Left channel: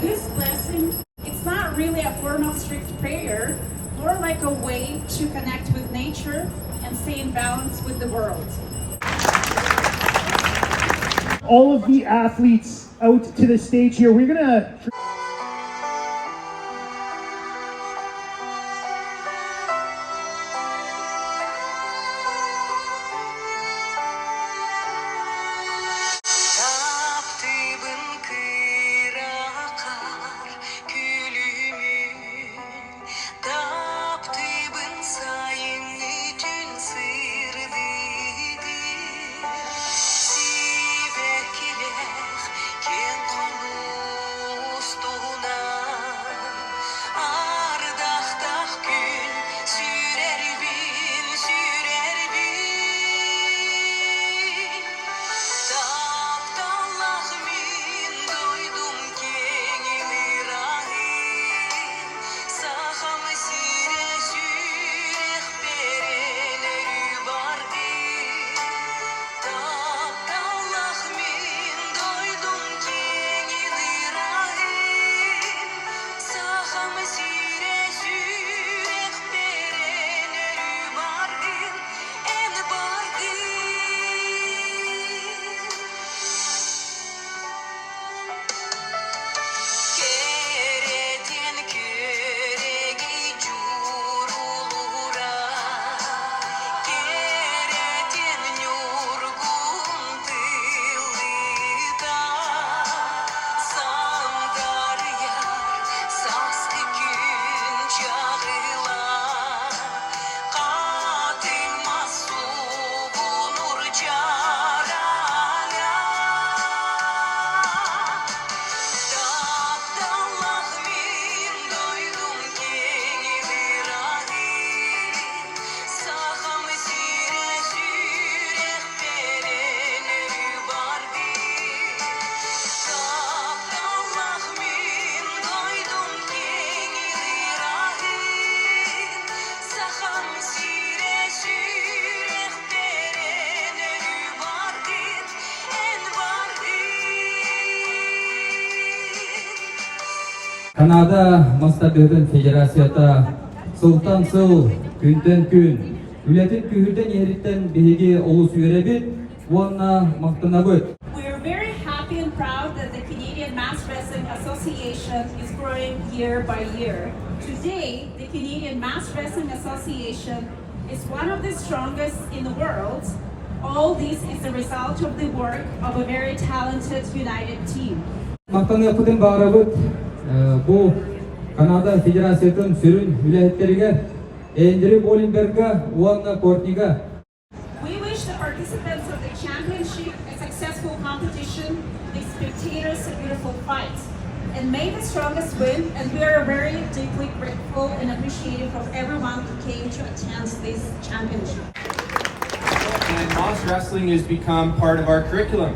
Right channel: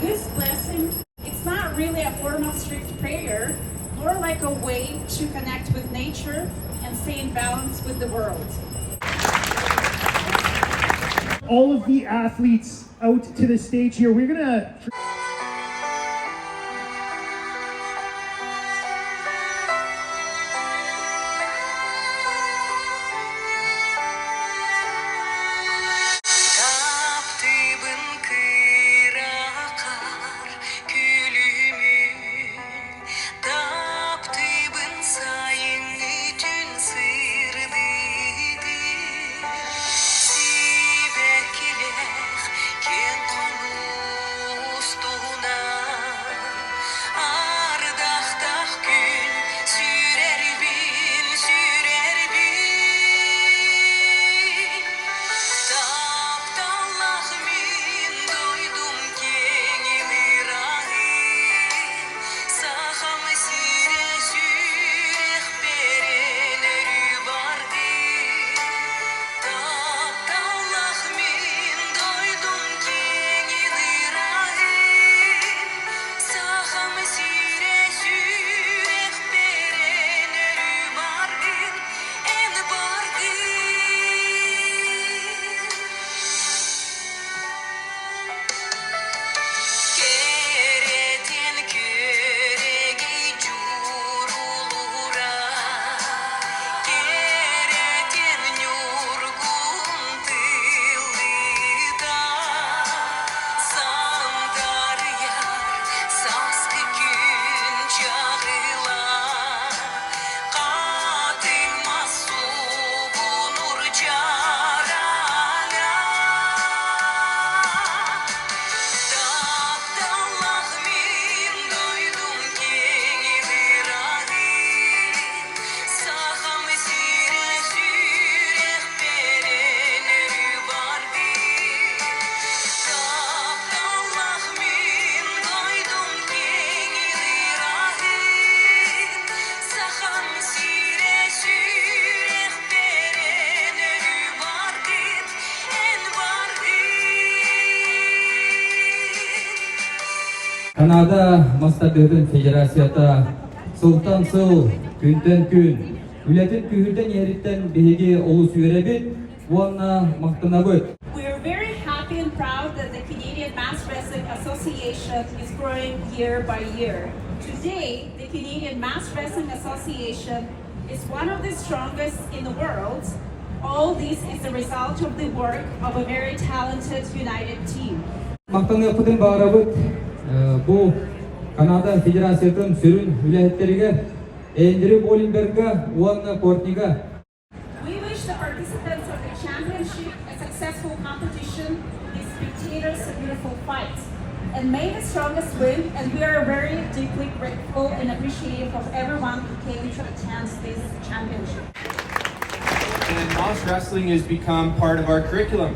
this blessing, it's not really a form of strict prayer, more like a way to connect with nature and stay in balance with the world. All of the athletes out to the stage here. We're gonna Kanada Mastadırın Federasyata Sultan Sığ Günden Gün Ületin Kühürden Yeritten Behege Olus Yürebit Vuanna Maktanabıt. We are very happy and proud that the Canadian Mass Wrestling Association is growing year by year. Today, the Canadian Mass Wrestling Association is one of the strongest in the world. All this is the result of the work of a very talented, united team. Maktanabıtın bağırabıt bu Kanada Federasyatın sürün vilayetlerine Endri Bolinberg'a Vuanna Kortiga. We wish the participants of the championship a successful competition, the spectators a beautiful fight. And may the strongest win, and we are very deeply grateful and appreciative of everyone who came to attend this championship. And Moss Wrestling has become part of our curriculum.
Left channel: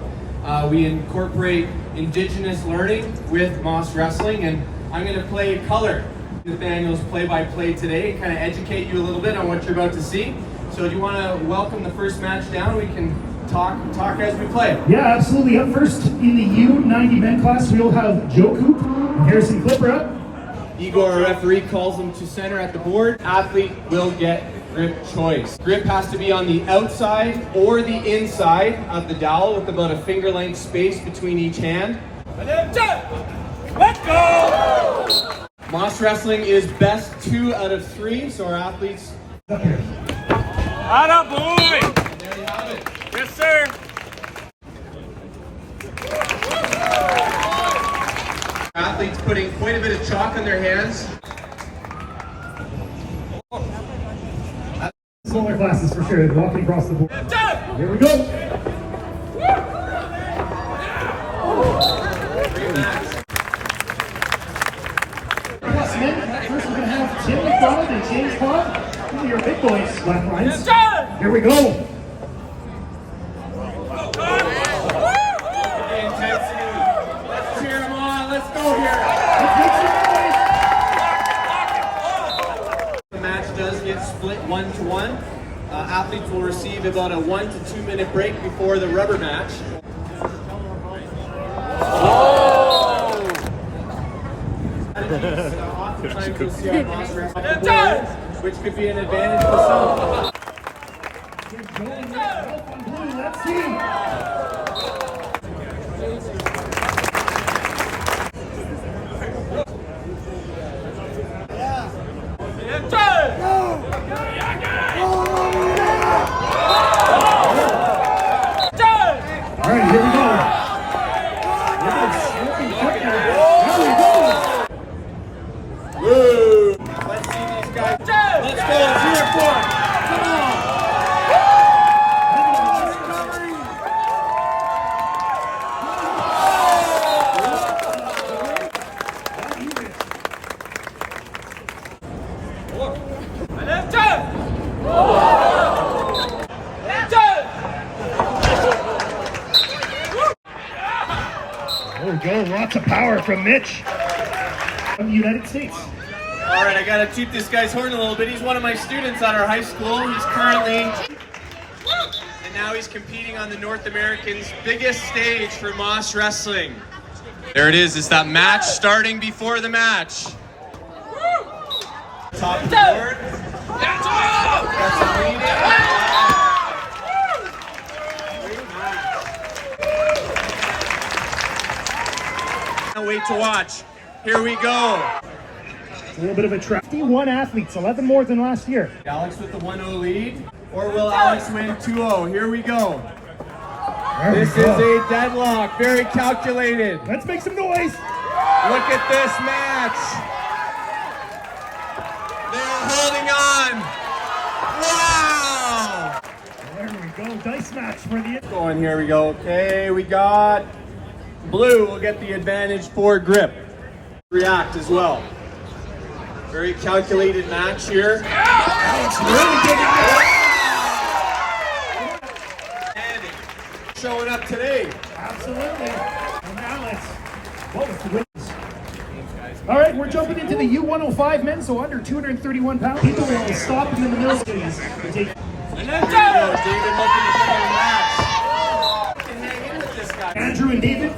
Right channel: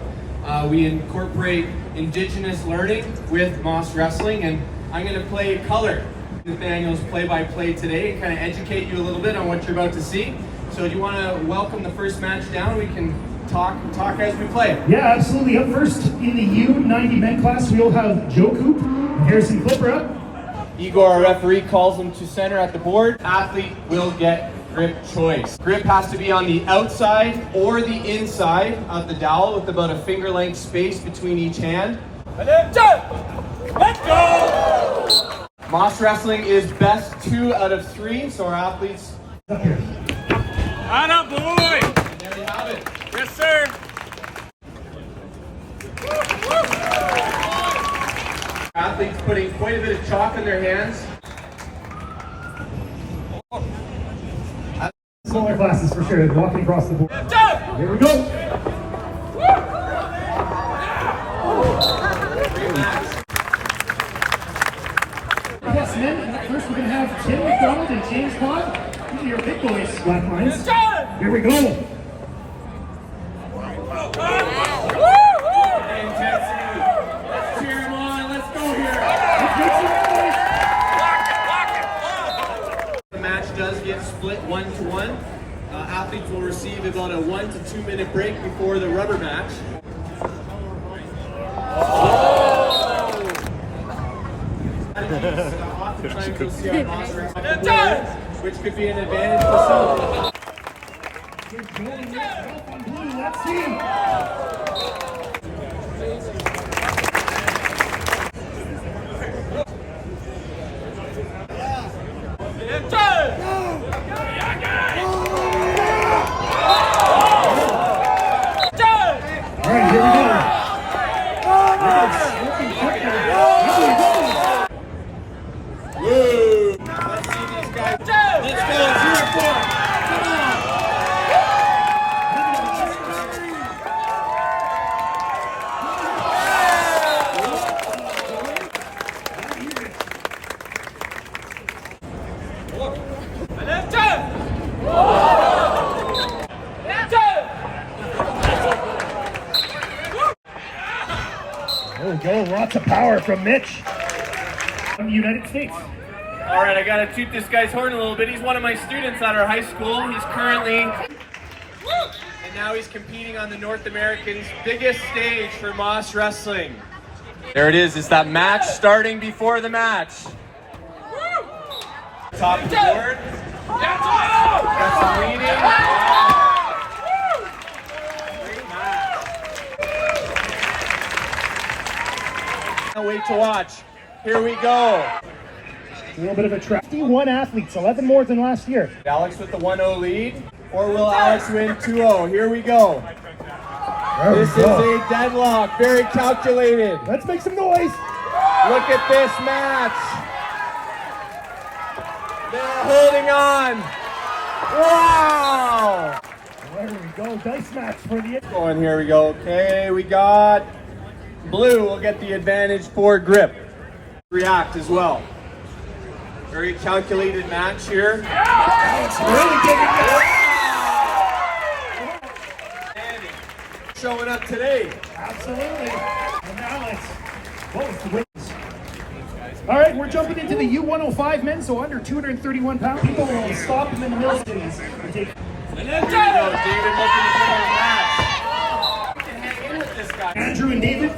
We incorporate indigenous learning with Moss Wrestling, and I'm going to play color. Nathaniel's play-by-play today and kind of educate you a little bit on what you're about to see. So do you want to welcome the first match down? We can talk as we play. Yeah, absolutely. Up first in the U90 men class, we'll have Yakut and Harrison Clipper up. Igor, our referee, calls them to center at the board. Athlete will get grip choice. Grip has to be on the outside or the inside of the dowel with about a finger length space between each hand. Let's go! Moss Wrestling is best 2 out of 3, so our athletes... Up here. Atta boy! And there you have it. Yes, sir! Athletes putting quite a bit of chalk in their hands. Smaller classes for sure, walking across the board. Here we go. Plus men, first we're going to have Tim McDonald and James Cobb. These are your big boys, Black Lions. Here we go. Intensity. Let's cheer them on. Let's go here. Let's make some noise. The match does get split 1-1. Athletes will receive about a 1 to 2 minute break before the rubber match. strategies oftentimes you'll see on Moss wrestling, which could be an advantage for some. Let's see. All right, here we go. Woo! Let's see these guys. Let's go. 3 or 4. Come on. There we go. Lots of power from Mitch from the United States. All right, I gotta toot this guy's horn a little bit. He's one of my students at our high school. He's currently, and now he's competing on the North American's biggest stage for Moss Wrestling. There it is. It's that match starting before the match. Top of the board. Got some leading. Can't wait to watch. Here we go. It's a little bit of a trap. 51 athletes, 11 more than last year. Alex with the 1-0 lead, or will Alex win 2-0? Here we go. This is a deadlock, very calculated. Let's make some noise. Look at this match. They're holding on. Wow. There we go, dice match for the... Going, here we go. Okay, we got blue will get the advantage for grip. React as well. Very calculated match here. Alex really getting Showing up today. Absolutely. And Alex, what was the wins? All right, we're jumping into the U105 men, so under 231 pounds. People will stop them in the middle of these. And then David looking for a match. Can hang in with this guy. Andrew and David.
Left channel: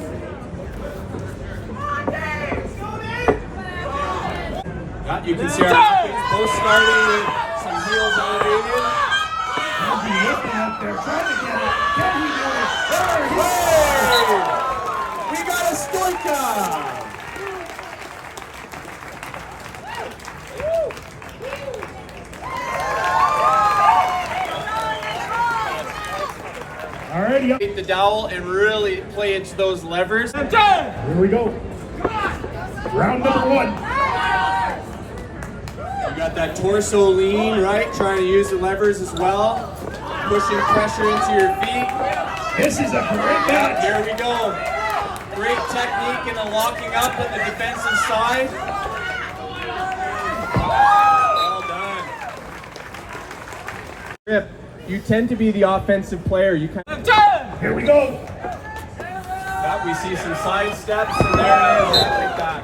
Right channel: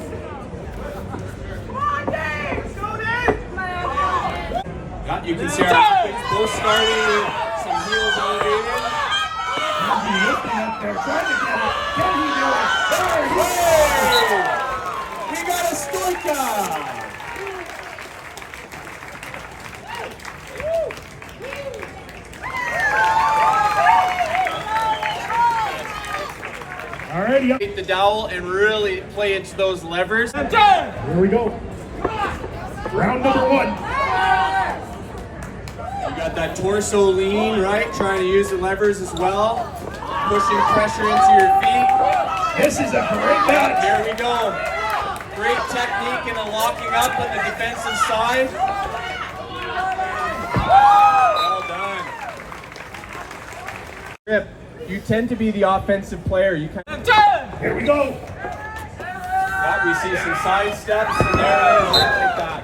You can see our athletes both starting with some heels elevated. Andrew looking up there, trying to get it. Can he do it? There he is. We got a stoika. Alrighty, up. Take the dowel and really play into those levers. Here we go. Round number 1. You got that torso lean, right? Trying to use the levers as well. Pushing pressure into your feet. This is a great match. Here we go. Great technique in the locking up on the defensive side. Well done. Grip, you tend to be the offensive player. You kind of... Here we go. We see some side steps, and there it is. Take that.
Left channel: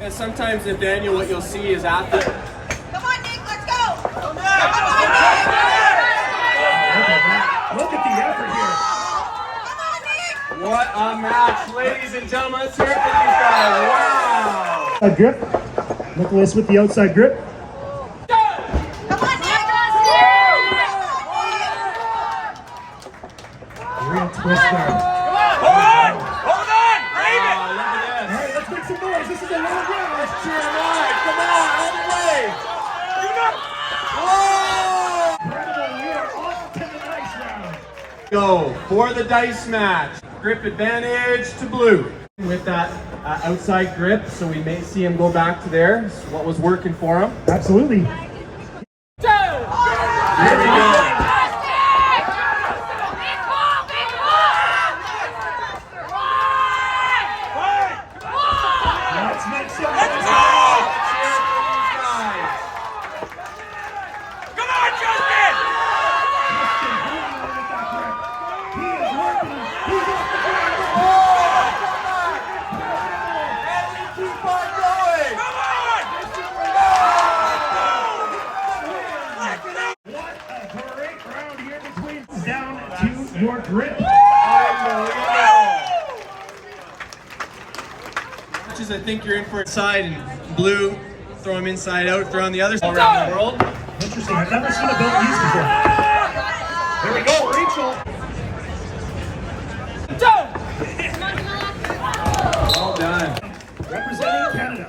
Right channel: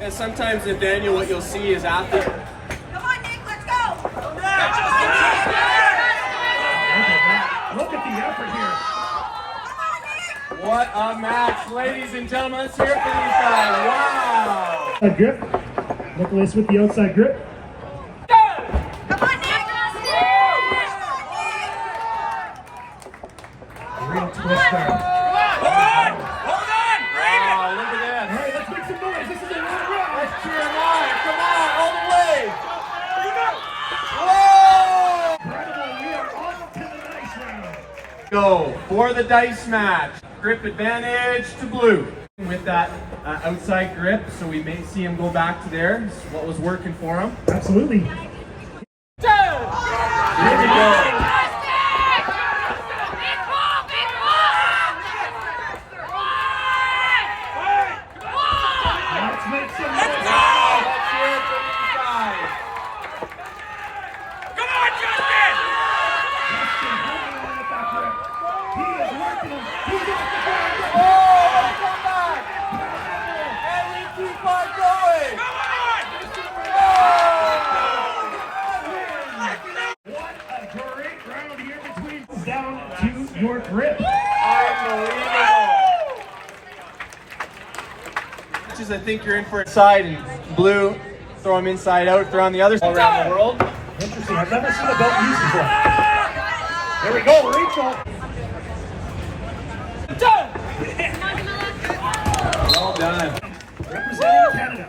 And sometimes, Nathaniel, what you'll see is athletes. Come on, Nick, let's go! Look at that. Look at the effort here. What a match, ladies and gentlemen. Let's hear it for these guys. Wow. A grip. Nicholas with the outside grip. Come on, Nick! Real twist there. Hold on! Braided! Look at this. All right, let's make some noise. This is a long round. Let's cheer live. Come on, all the way. Whoa! Incredible. We are off to the dice round. Go for the dice match. Grip advantage to blue. With that outside grip, so we may see him go back to there. This is what was working for him. Absolutely. Here we go. Let's make some noise. Let's cheer it for these guys. Come on, Justin! Justin holding on with that grip. He is working. He's off the ground. Come on! And we keep on going! Come on! What a great round here between down to your grip. Unbelievable! matches, I think you're in for a side, and blue, throw them inside out, throw on the other side around the world. Interesting. I've never seen a belt used before. There we go, Rachel. Well done. Representing Canada.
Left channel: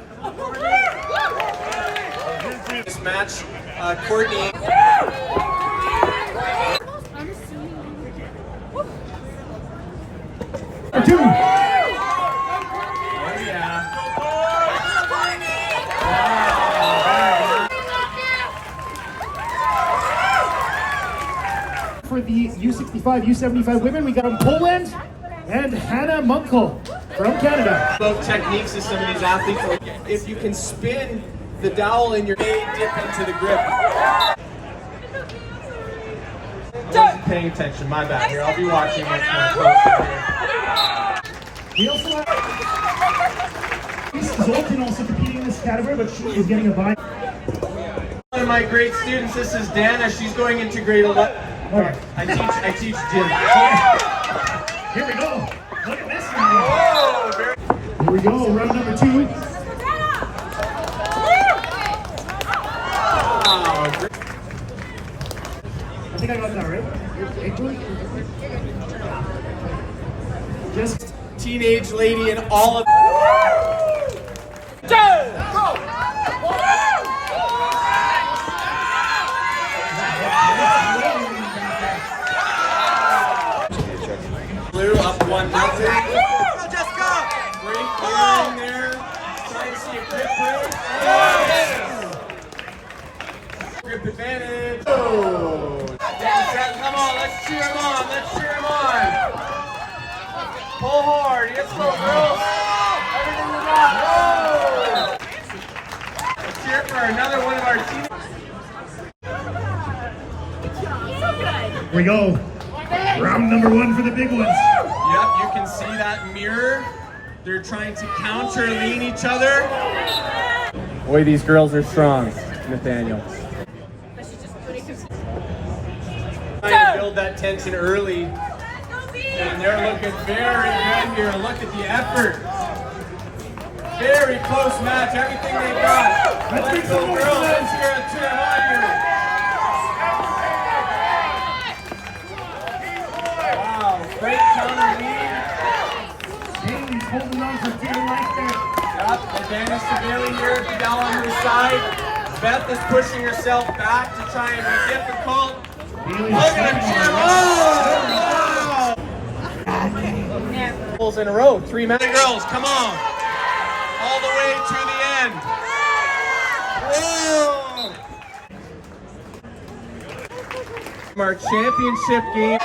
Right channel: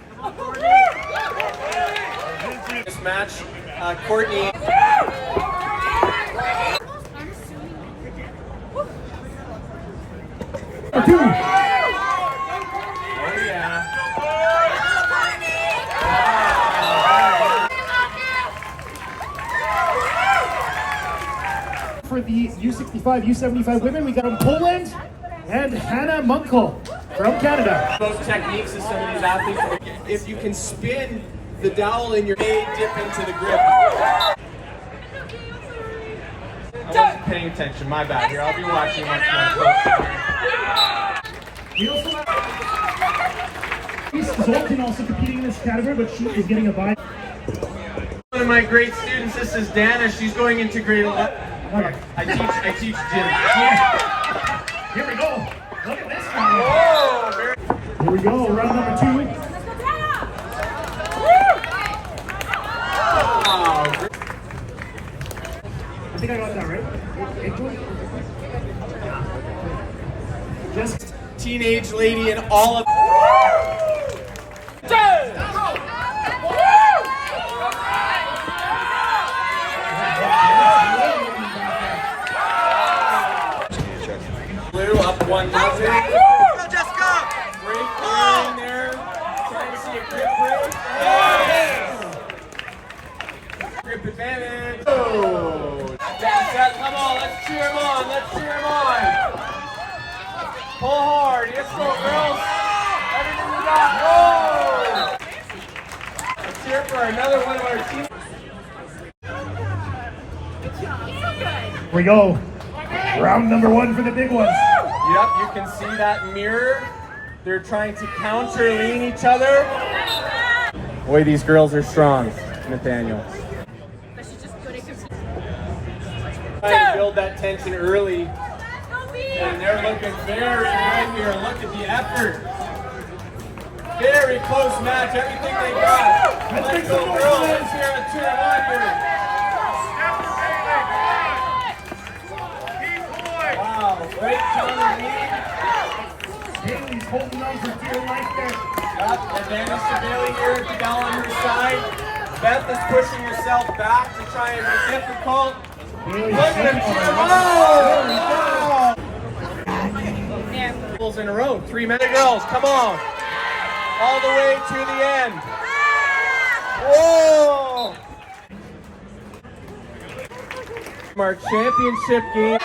This match, Courtney. Number 2. Oh yeah. For the U65, U75 women, we got from Poland and Hannah Munkel from Canada. Both techniques of some of these athletes. If you can spin the dowel in your may dip into the grip. I wasn't paying attention, my bad here. I'll be watching much more closely here. We also have Zoltan also competing in this category, but she is getting a bye. One of my great students, this is Dana. She's going into grade 11. Okay. I teach gym. Here we go. Look at this now. Oh, very Here we go, round number 2. wow. I think I got that right. Just Teenage lady and all of blue up 1-0. Great clearing there. Trying to see a grip break. Grip advantage. Oh. Come on, let's cheer him on. Let's cheer him on. Pull hard. Let's go, girls. Everything we got. Whoa. Let's cheer for another one of our team. here we go. Round number 1 for the big ones. Yep, you can see that mirror. They're trying to counter lean each other. Boy, these girls are strong, Nathaniel. Trying to build that tension early. And they're looking very good here. Look at the effort. Very close match, everything they've got. Let's go, girls. Let's cheer them on here. Wow, great counter lead. Bailey's holding on for dear life there. Yep, advantage to Bailey here at the down on her side. Beth is pushing herself back to try and be difficult. Look at him cheer. Oh! In a row, 3 men. Girls, come on. All the way to the end. Whoa! From our championship game.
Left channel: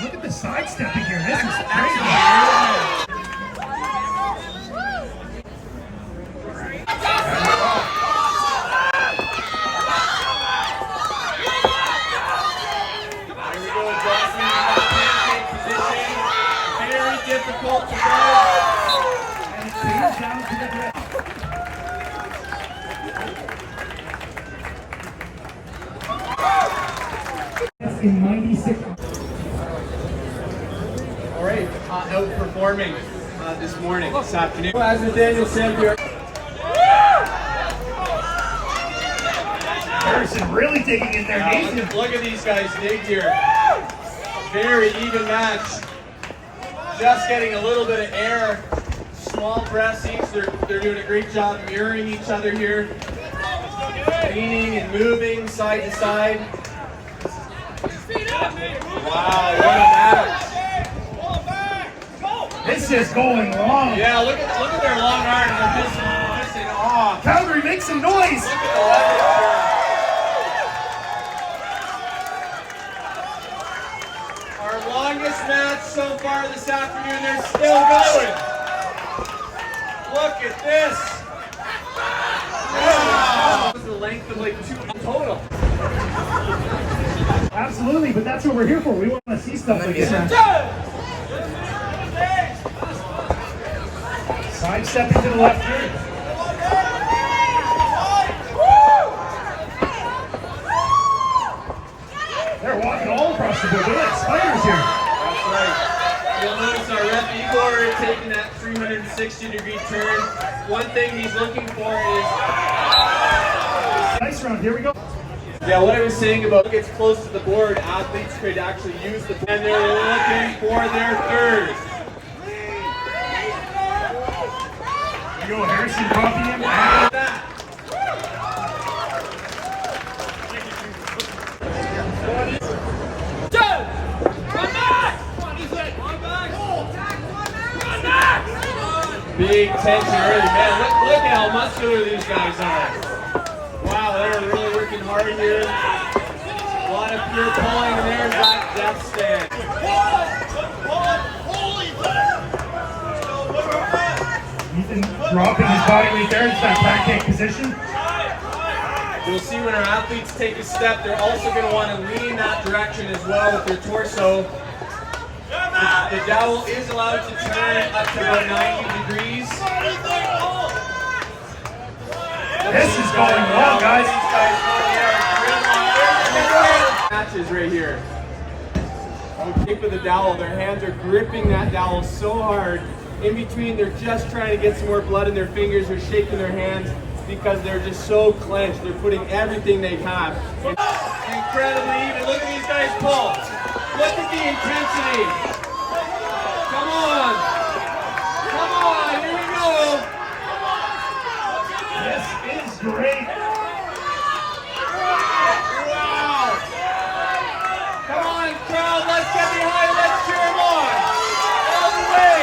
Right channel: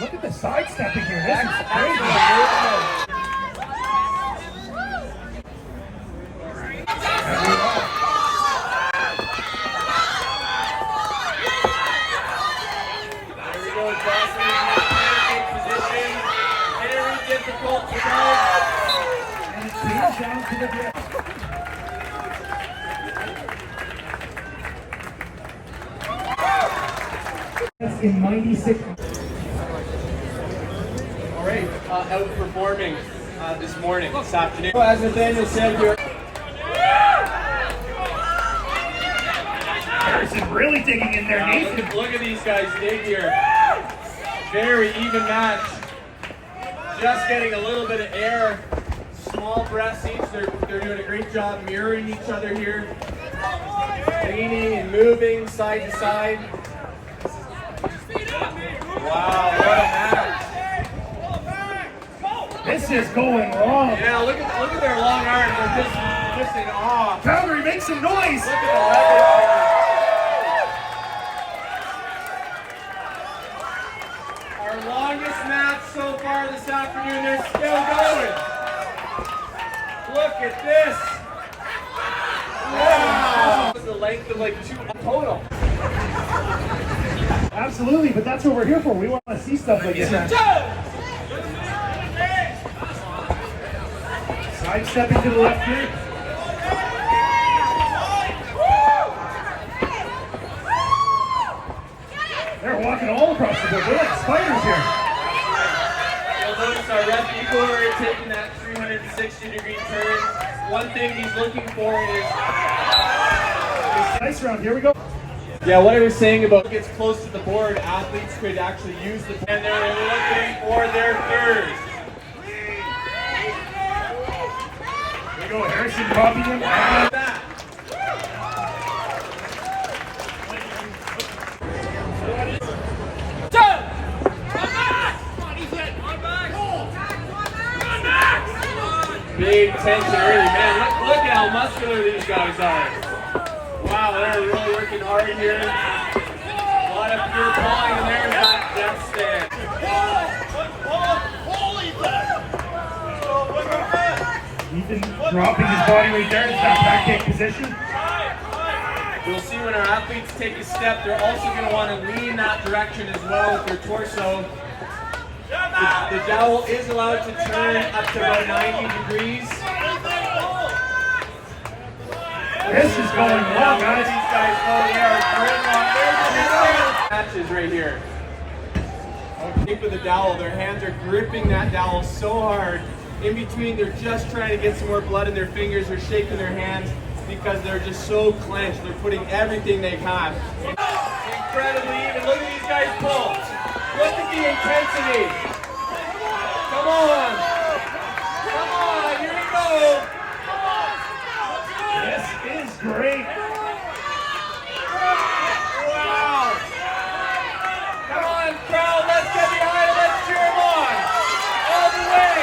Look at the sidestepping here. This is crazy. Excellent. Difficult to do. And it clears down to the grip. That's in 96. All right, outperforming this morning, this afternoon. As Nathaniel said here. Harrison really digging in there. Nathan. Look at these guys dig here. Very even match. Just getting a little bit of air. Small breaths each. They're doing a great job mirroring each other here. Leaning and moving side to side. Wow, what a match. This is going long. Yeah, look at their long arms. They're just in awe. Calgary, make some noise. Look at the weapons. Our longest match so far this afternoon is still going. Look at this. Wow. This is the length of like 2 total. Absolutely, but that's what we're here for. We want to see stuff like this. Side stepping to the left here. They're walking all across the board. round. Here we go. Yeah, what I was saying about gets close to the board, athletes could actually use the pen. They're looking for their third. Here we go, Harrison copying it. Big tension early, man. Look at how muscular these guys are. Wow, they're really working hard here. A lot of pure pulling, and there's that duck stand. Ethan dropping his body right there. It's that pancake position. You'll see when our athletes take a step, they're also going to want to lean that direction as well with their torso. The dowel is allowed to turn up to about 90 degrees. This is going well, guys. Matches right here. Kick with the dowel. Their hands are gripping that dowel so hard. In between, they're just trying to get some more blood in their fingers. They're shaking their hands because they're just so clenched. They're putting everything they have. Incredibly even. Look at these guys pull. Look at the intensity. Come on. Come on. Here we go. This is great. Wow. Come on, crowd. Let's get behind it. Let's cheer them on. All the way.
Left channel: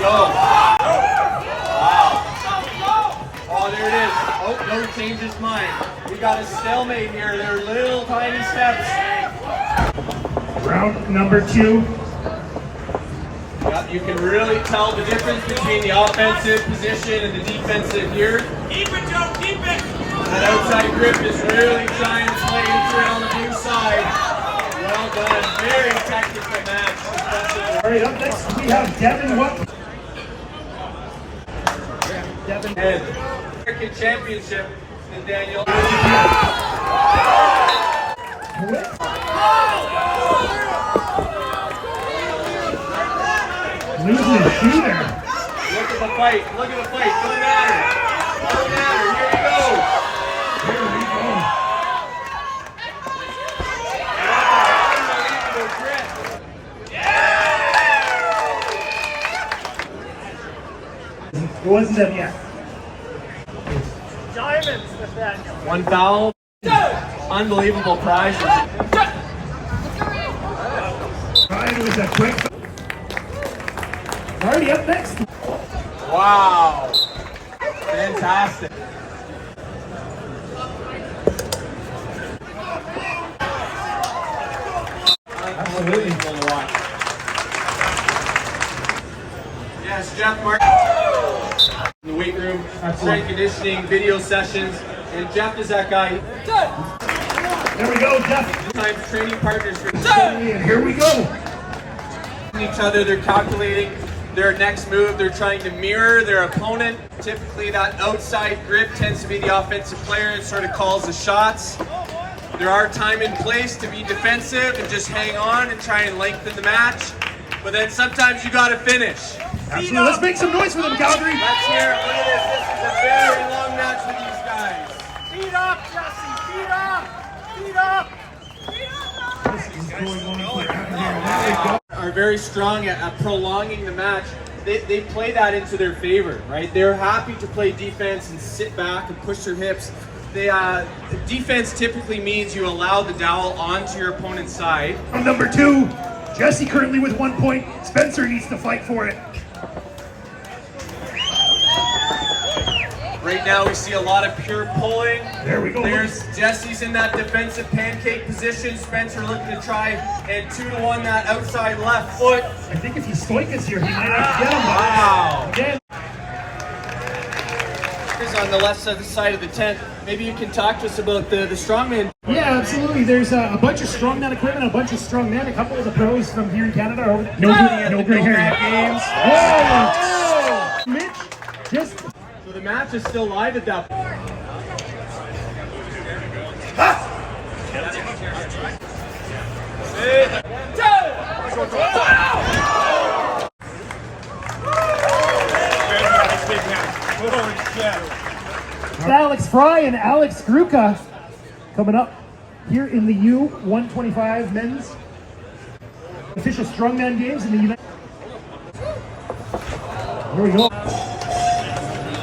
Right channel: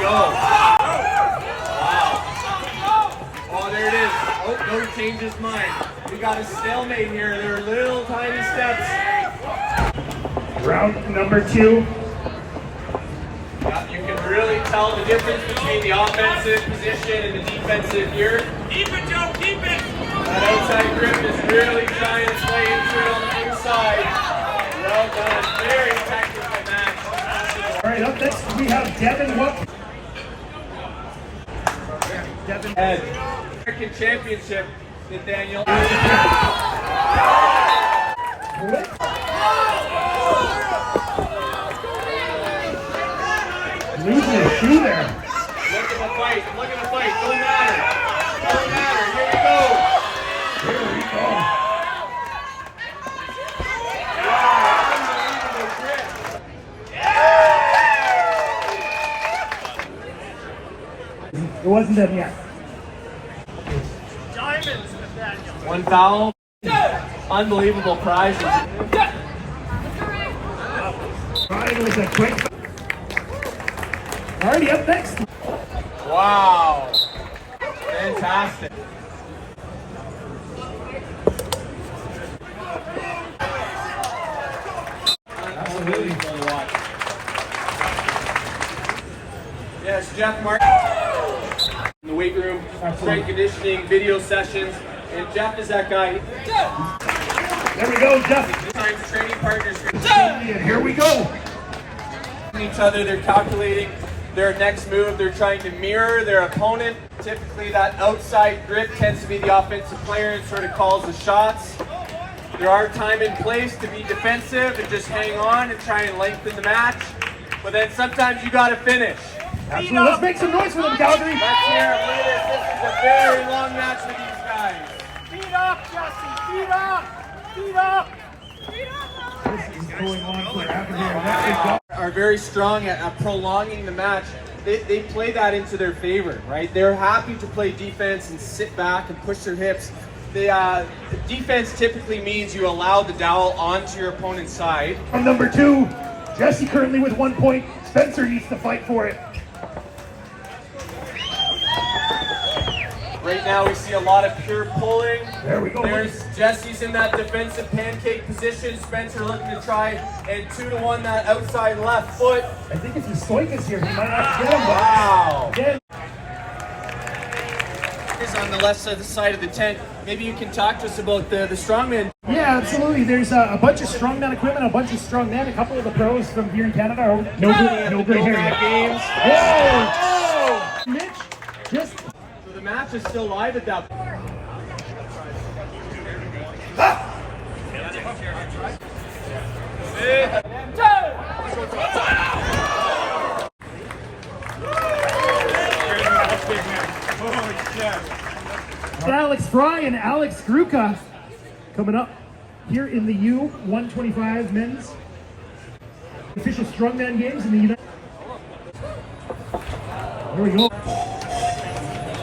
Go. Wow. Oh, there it is. Oh, no, he changed his mind. We got a stalemate here. They're little tiny steps. Round number 2. Yeah, you can really tell the difference between the offensive position and the defensive here. Keep it, Joe, keep it. That outside grip is really shining its way into it on the inside. Well done. Very technical match. All right, up next we have Devin What? Devin And American Championship in Daniel. Losing a shoe there. Look at the fight. Look at the fight. Don't matter. Don't matter. Here we go. Here we go. Wow. Unbelievable grip. It wasn't them yet. One foul. Unbelievable prize. Right, it was a quick. Alrighty, up next. Wow. Fantastic. Unbelievable to watch. Yes, Jeff Martin. In the weight room, strength conditioning, video sessions, and Jeff is that guy. There we go, Jeff. Times training partners for And here we go. each other. They're calculating their next move. They're trying to mirror their opponent. Typically, that outside grip tends to be the offensive player that sort of calls the shots. There are time and place to be defensive and just hang on and try and lengthen the match. But then sometimes you got to finish. Absolutely. Let's make some noise for them, Calgary. Let's hear it. Look at this. This is a very long match with these guys. Feet up, Jesse. Feet up. Feet up. This is going on forever here. Are very strong at prolonging the match. They play that into their favor, right? They're happy to play defense and sit back and push their hips. Defense typically means you allow the dowel onto your opponent's side. On number 2, Jesse currently with 1 point. Spencer needs to fight for it. Right now we see a lot of pure pulling. There we go. There's Jesse's in that defensive pancake position. Spencer looking to try and 2-to-1 that outside left foot. I think if he's Stoikas here, he might have to get him. Wow. Again. Chris on the left side of the tent. Maybe you can talk to us about the strongman. Yeah, absolutely. There's a bunch of strongman equipment, a bunch of strongmen. A couple of the pros from here in Canada. No gray hair yet. Games. Whoa! Mitch, just... So the match is still live at that point. Alex Fry and Alex Gruka coming up here in the U125 men's official strongman games in the United. Here we go.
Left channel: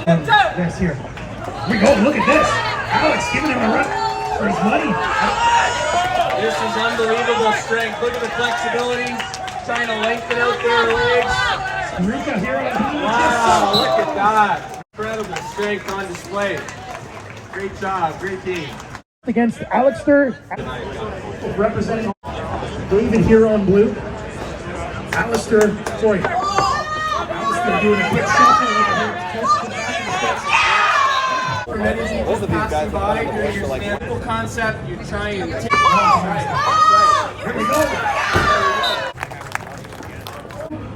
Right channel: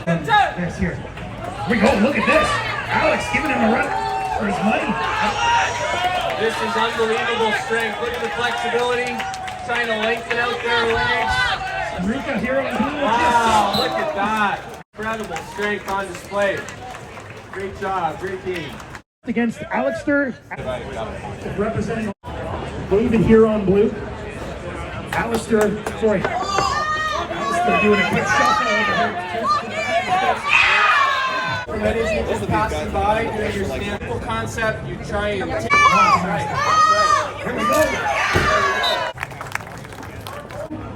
Yes, here. Here we go. Look at this. Alex giving him a run for his money. This is unbelievable strength. Look at the flexibility. Trying to lengthen out their legs. Gruka here on Wow, look at that. Incredible strength on display. Great job, great team. Against Alistair, representing David here on blue. Alistair doing a quick shuffle over here. Both of these guys are like simple concept. You try and take. That's right. Here we go.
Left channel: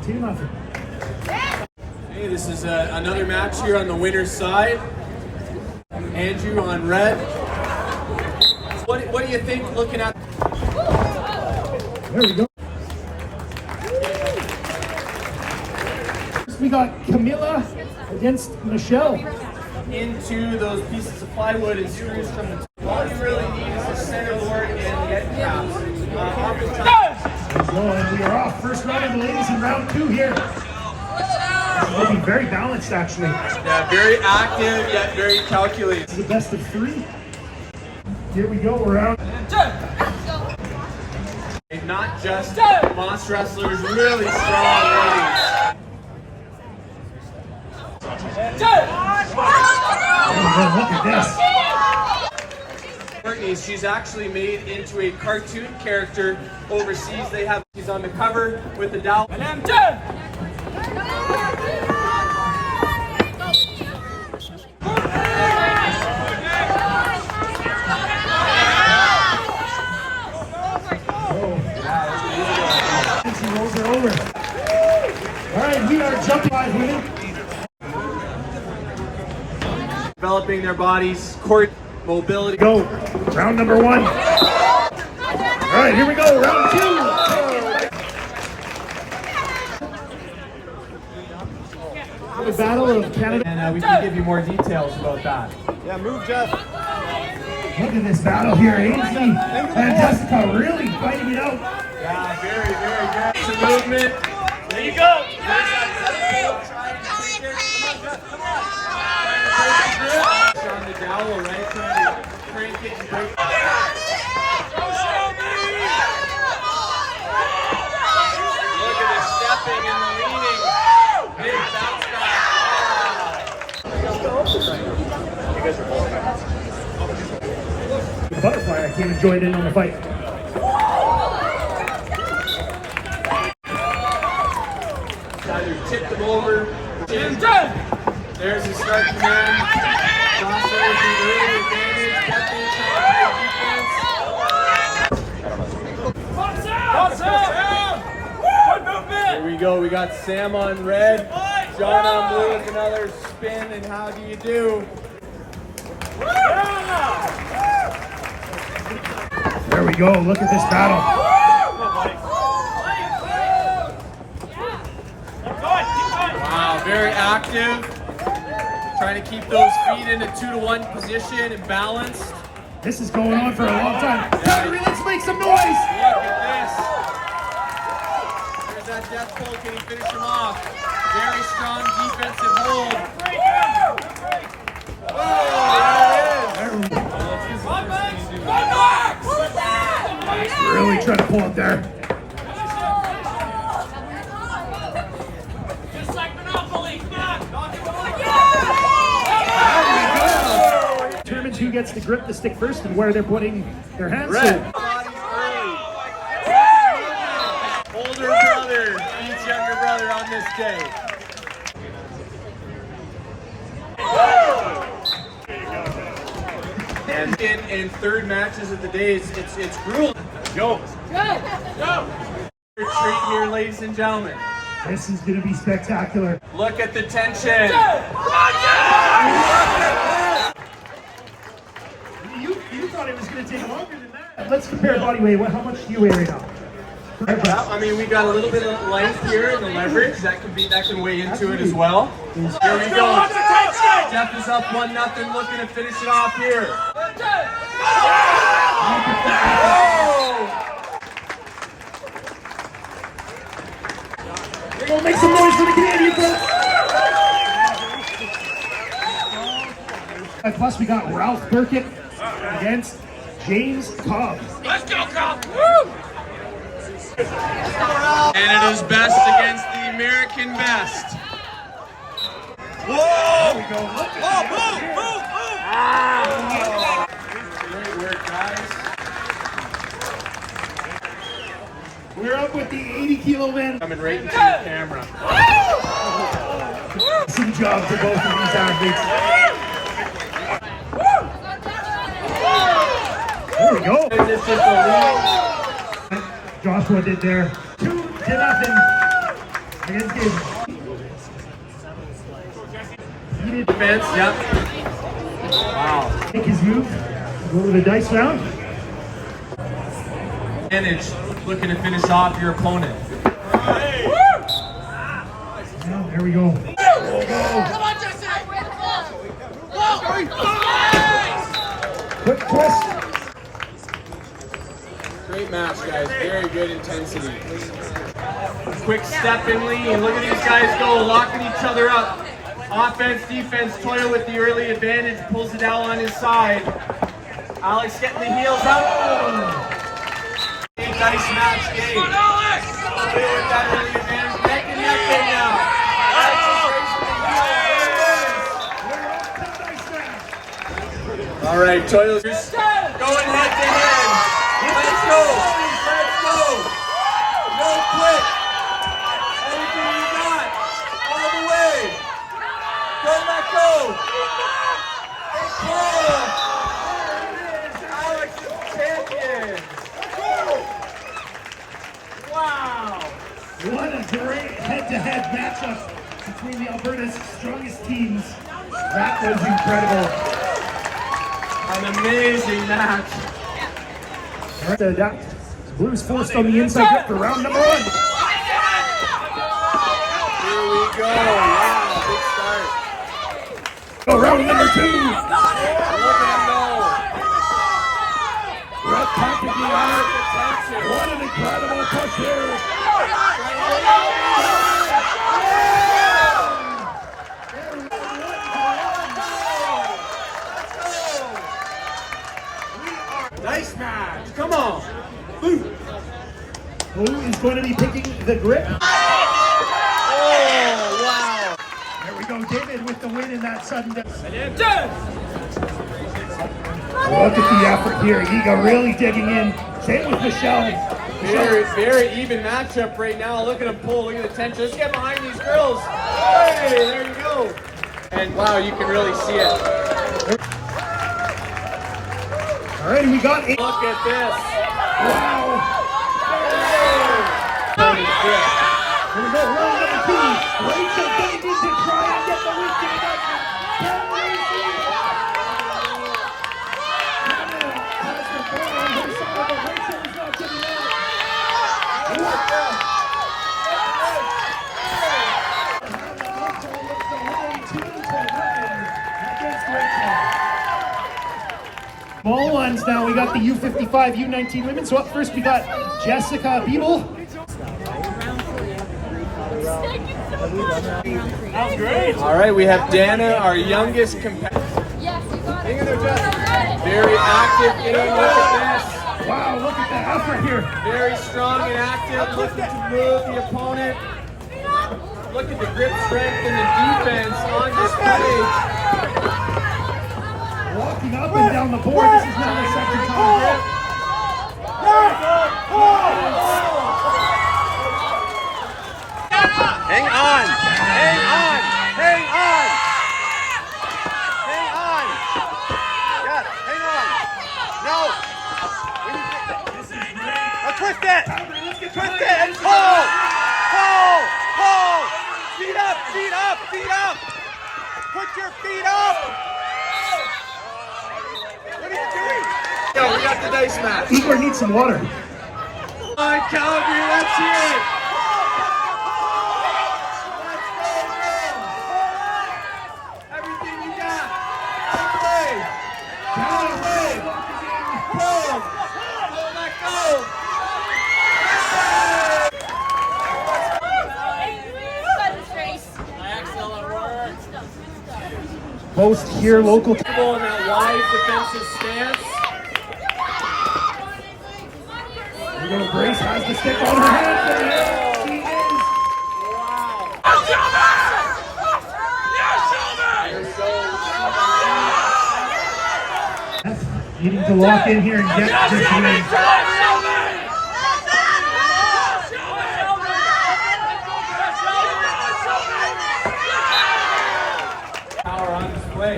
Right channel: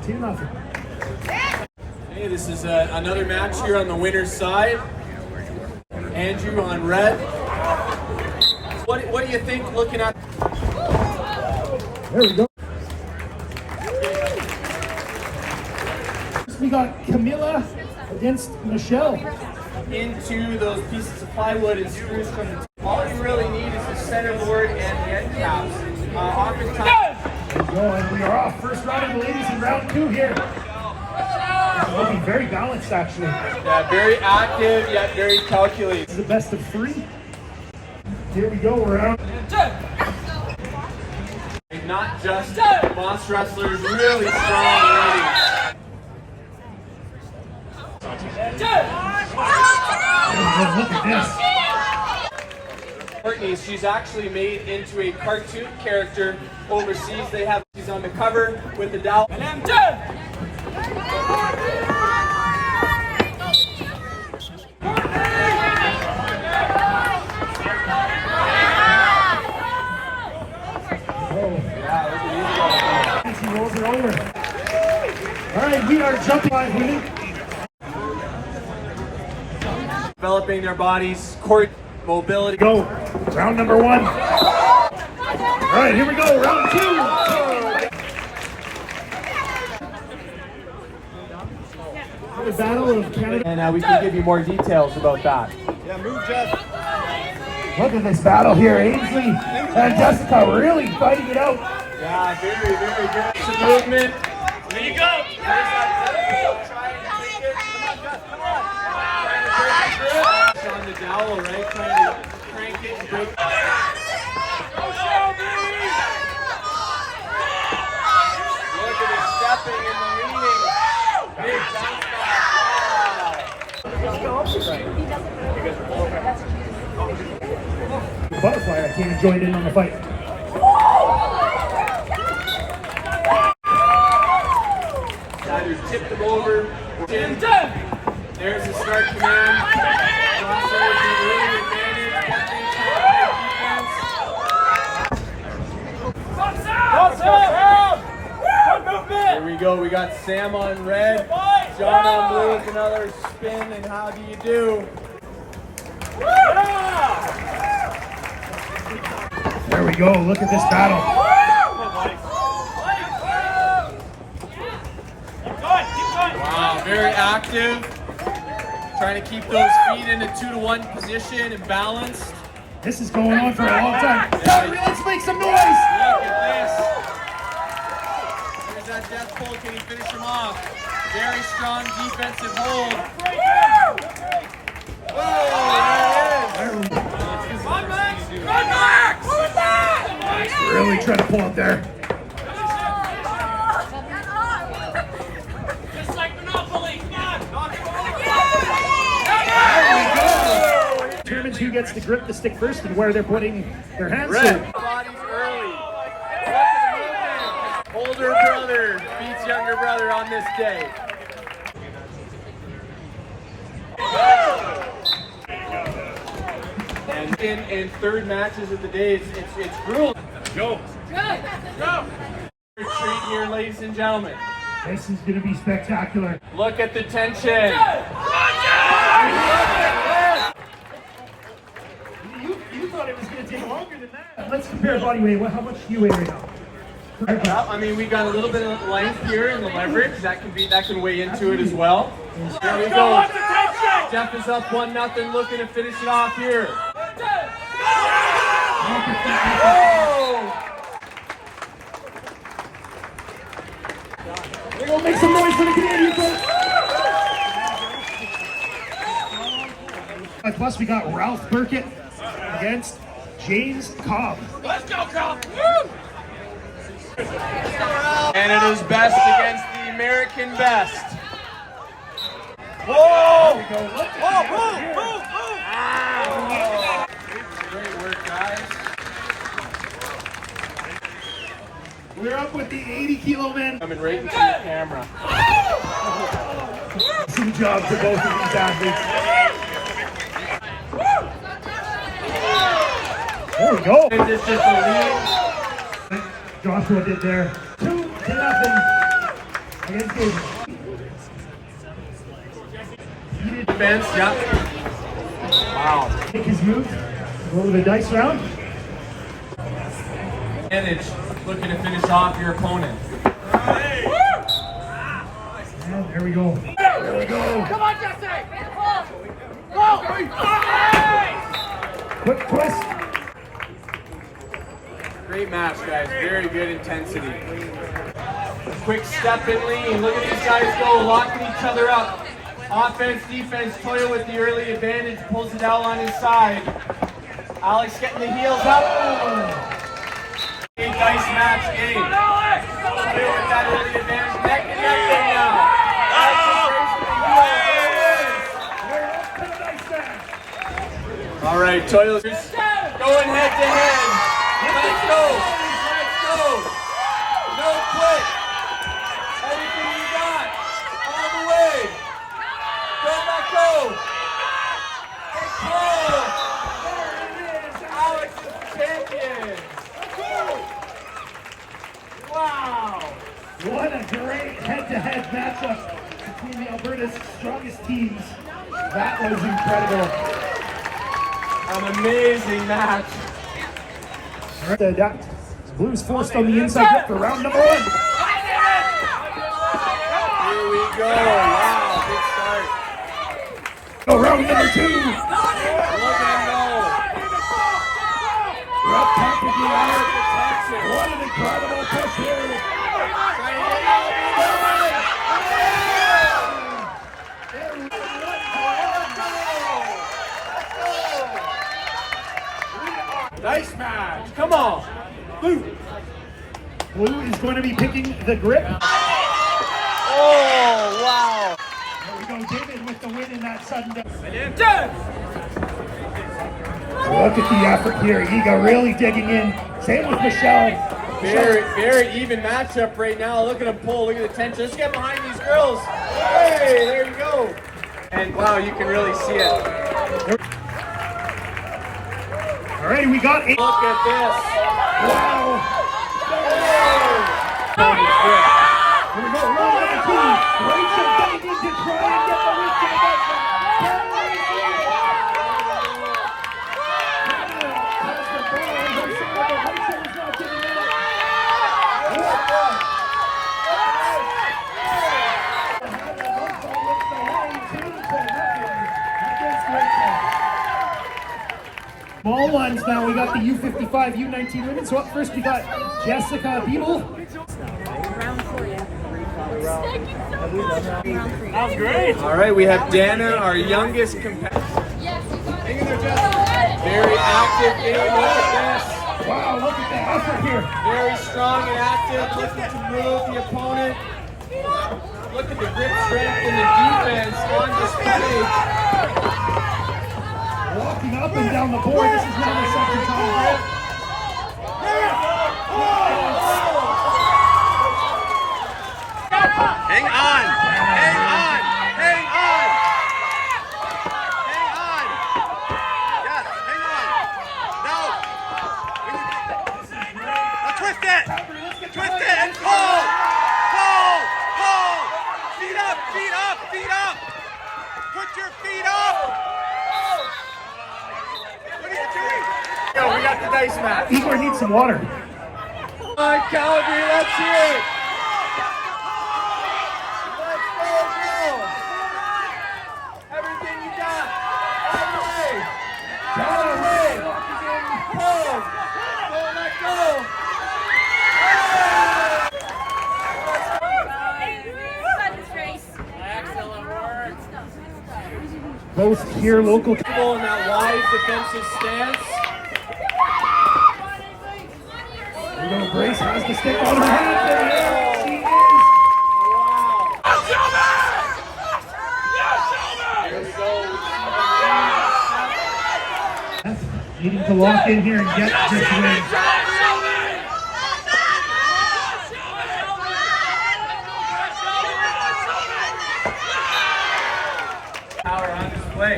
2-0. Hey, this is another match here on the winner's side. Andrew on red. What do you think looking at? There we go. We got Camilla against Michelle. Into those pieces of plywood and screws from the top. All you really need is a center board and head caps. And we are off. First round of the ladies in round 2 here. Looking very balanced, actually. Yeah, very active yet very calculated. This is the best of 3. Here we go, round. And not just monster wrestlers, really strong ladies. Look at this. Courtney, she's actually made into a cartoon character overseas. They have she's on the cover with the doll. She rolls her over. All right, we are jumping 5 here. Developing their bodies, court mobility. Go. Round number 1. All right, here we go. Round 2. The Battle of Canada. And we can give you more details about that. Yeah, move, Jeff. Look at this battle here. Ainsley and Jessica really fighting it out. Yeah, very, very good. Some movement. There you go. Try and take it. On the dowel, right? Trying to crank it and break it. Look at the stepping and the leaning. Big bounce back. Butterfly, I can't enjoy it in the fight. Either tip them over or there's the start command. Crossover to early advantage. Here we go. We got Sam on red. John on blue with another spin. And how do you do? There we go. Look at this battle. Wow, very active. Trying to keep those feet in a 2-to-1 position and balanced. This is going on for a long time. Calgary, let's make some noise. Look at this. There's that death pull. Can he finish him off? Very strong defensive hold. Oh, there it is. Really trying to pull up there. Determines who gets to grip the stick first and where they're putting their hands. Red. Bodies early. Older brother beats younger brother on this day. And in third matches of the day, it's grueling. Go. Go. Retreat here, ladies and gentlemen. This is going to be spectacular. Look at the tension. You thought it was going to take longer than that. Let's compare body weight. How much do you weigh right now? Yeah, I mean, we got a little bit of length here in the leverage. That can weigh into it as well. Here we go. Jeff is up 1-0, looking to finish it off here. We're gonna make some noise for the Canadian folks. Plus, we got Ralph Burkett against James Cobb. Let's go, Cobb! Woo! Canada's best against the American best. Whoa! There we go. Look at Great work, guys. We're up with the 80-kilo men. Coming right into the camera. Some job to both of these athletes. There we go. This is just a lead. Joshua did there. 2-0 against his heated Defense, yep. Wow. Make his move. Go to the dice round. Advantage, looking to finish off your opponent. And there we go. There we go. Come on, Jesse! Quick twist. Great match, guys. Very good intensity. Quick step and lean. Look at these guys go, locking each other up. Offense, defense. Toyo with the early advantage, pulls it out on his side. Alex getting the heels up. Nice match game. With that early advantage, necking up there now. All right, Toyo's going head to head. Let's go. Let's go. No quit. Everything you got. All the way. Don't let go. Control. Alex is champion. Wow. What a great head-to-head matchup between the Alberta's strongest teams. That was incredible. An amazing match. All right, Blues forced on the inside for round number 1. Here we go. Wow, big start. Oh, round number 2. Look at him go. Rough pump of the hour. What an incredible push here. Nice match. Come on. Blue. Blue is going to be picking the grip. Oh, wow. There we go, David with the win in that sudden death. Look at the effort here. Yiga really digging in. Same with Michelle. Very even matchup right now. Look at him pull. Look at the tension. Let's get behind these girls. Hey, there you go. And wow, you can really see it. All right, we got 8. Look at this. Wow. Tony Grip. Here we go, round number 2. Rachel getting in to try and get the weekend up. Small ones now. We got the U55, U19 women. So up first we got Jessica Beeble. That was great. All right, we have Dana, our youngest competitor. Yes, you got Hang it. in there, Jess. Very active. Look at this. Wow, look at the effort here. Very strong and active, looking to move the opponent. Look at the grip strength and the defense on display. Walking up and down the board. This is now the second time. Hang on. Hang on. Hang on. Hang on. Yeah, hang on. No. Now twist it. Twist it and pull. Pull. Pull. Feet up. Feet up. Feet up. Put your feet up. What are you doing? Yeah, we got the dice match. Igor needs some water. Come on, Calgary, Let's hear it. Everything you got. All the way. All the way. Pull. Don't let go. Most here local. In that wide defensive stance. We're going to Grace has the stick on her hand. She is. Needing to lock in here and get this win. Power on display.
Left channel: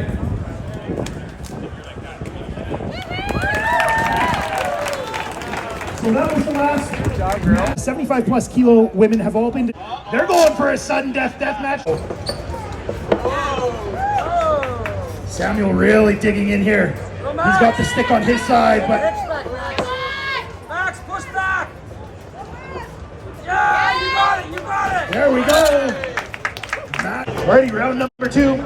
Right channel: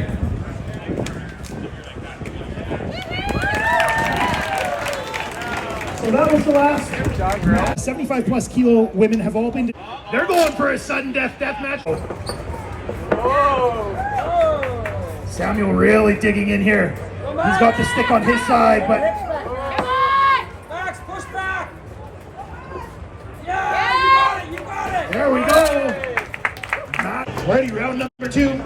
So that was the last. 75 plus kilo women have all been. They're going for a sudden death match. Samuel really digging in here. He's got the stick on his side, but there we go. Ready, round number 2.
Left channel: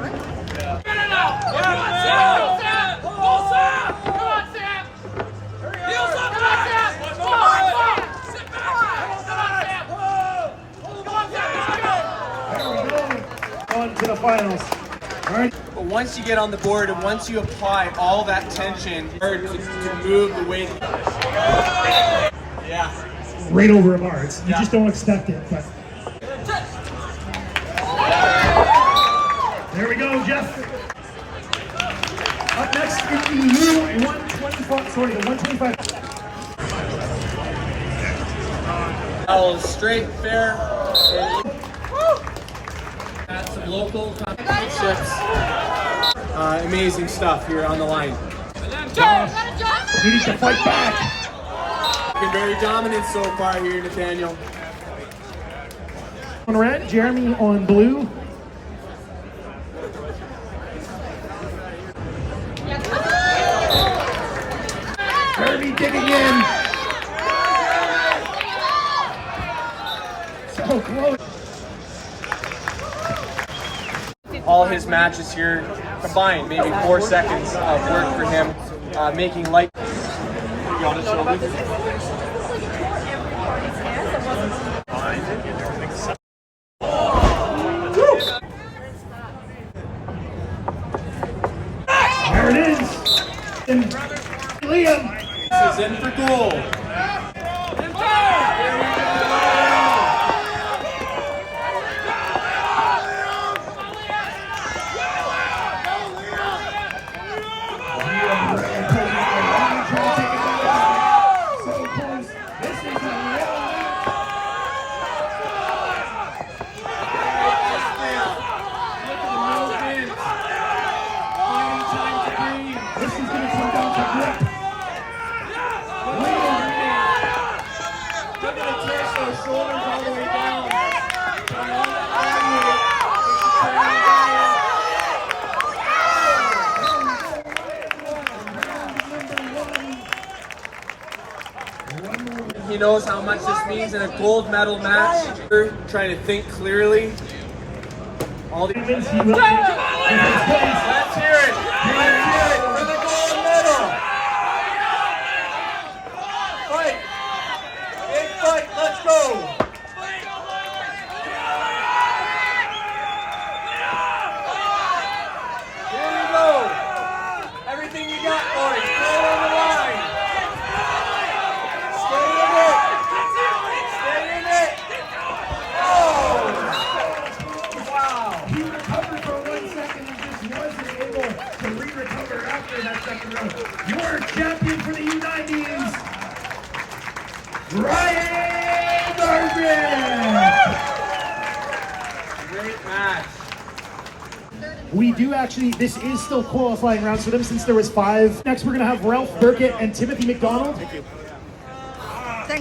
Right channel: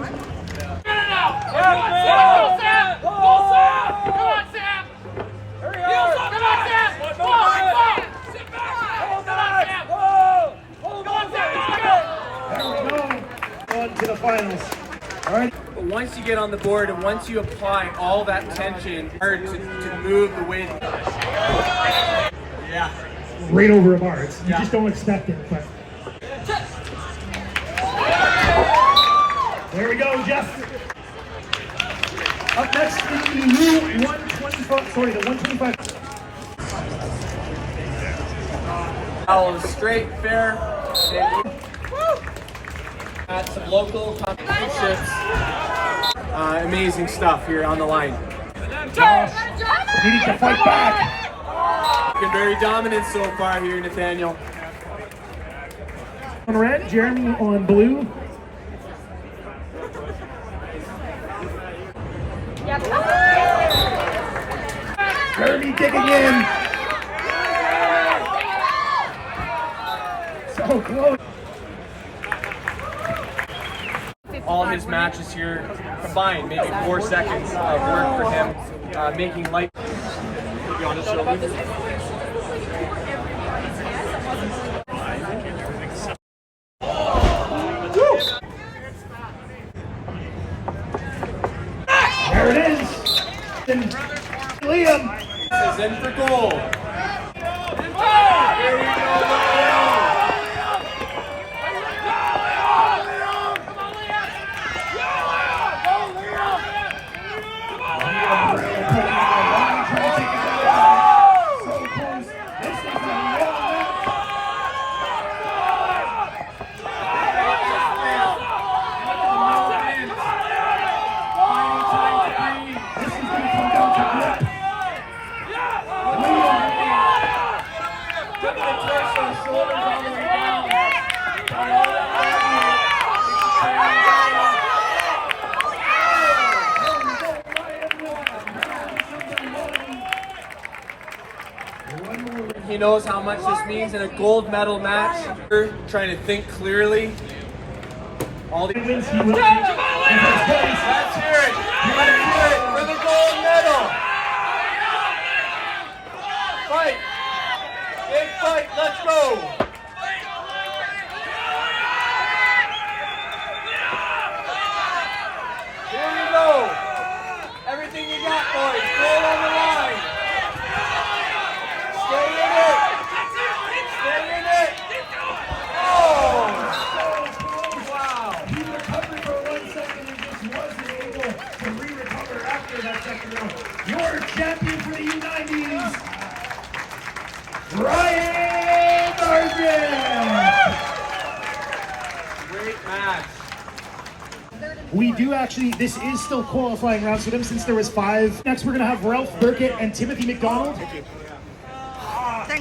On to the finals. All right. But once you get on the board and once you apply all that tension, hard to move the way that Right over a bar. You just don't expect it. But. There we go, Jeff. Up next is the new 125. Sorry, the 125. battle is straight, fair, and at some local championships. Amazing stuff here on the line. Needing to fight back. Been very dominant so far here, Nathaniel. On red, Jeremy on blue. Jeremy digging in. So close. All his matches here combined, maybe 4 seconds of work for him, making light. There it is. And Liam. This is in for goal. Here we go. Shoulders all the way down. And all that body weight is turning down. He knows how much this means in a gold medal match. Trying to think clearly. All the Wins, he will take his place. Let's hear it. Let's hear it for the gold medal. Fight. Big fight. Let's go. Here we go. Everything you got, boys. Stay on the line. Stay in it. Stay in it. Oh! Wow. He recovered for 1 second and just wasn't able to re-recover after that second round. Your champion for the U90s, Ryan Darby! great match. We do actually, this is still qualifying rounds for them since there was 5. Next we're going to have Ralph Burkett and Timothy McDonald. Thank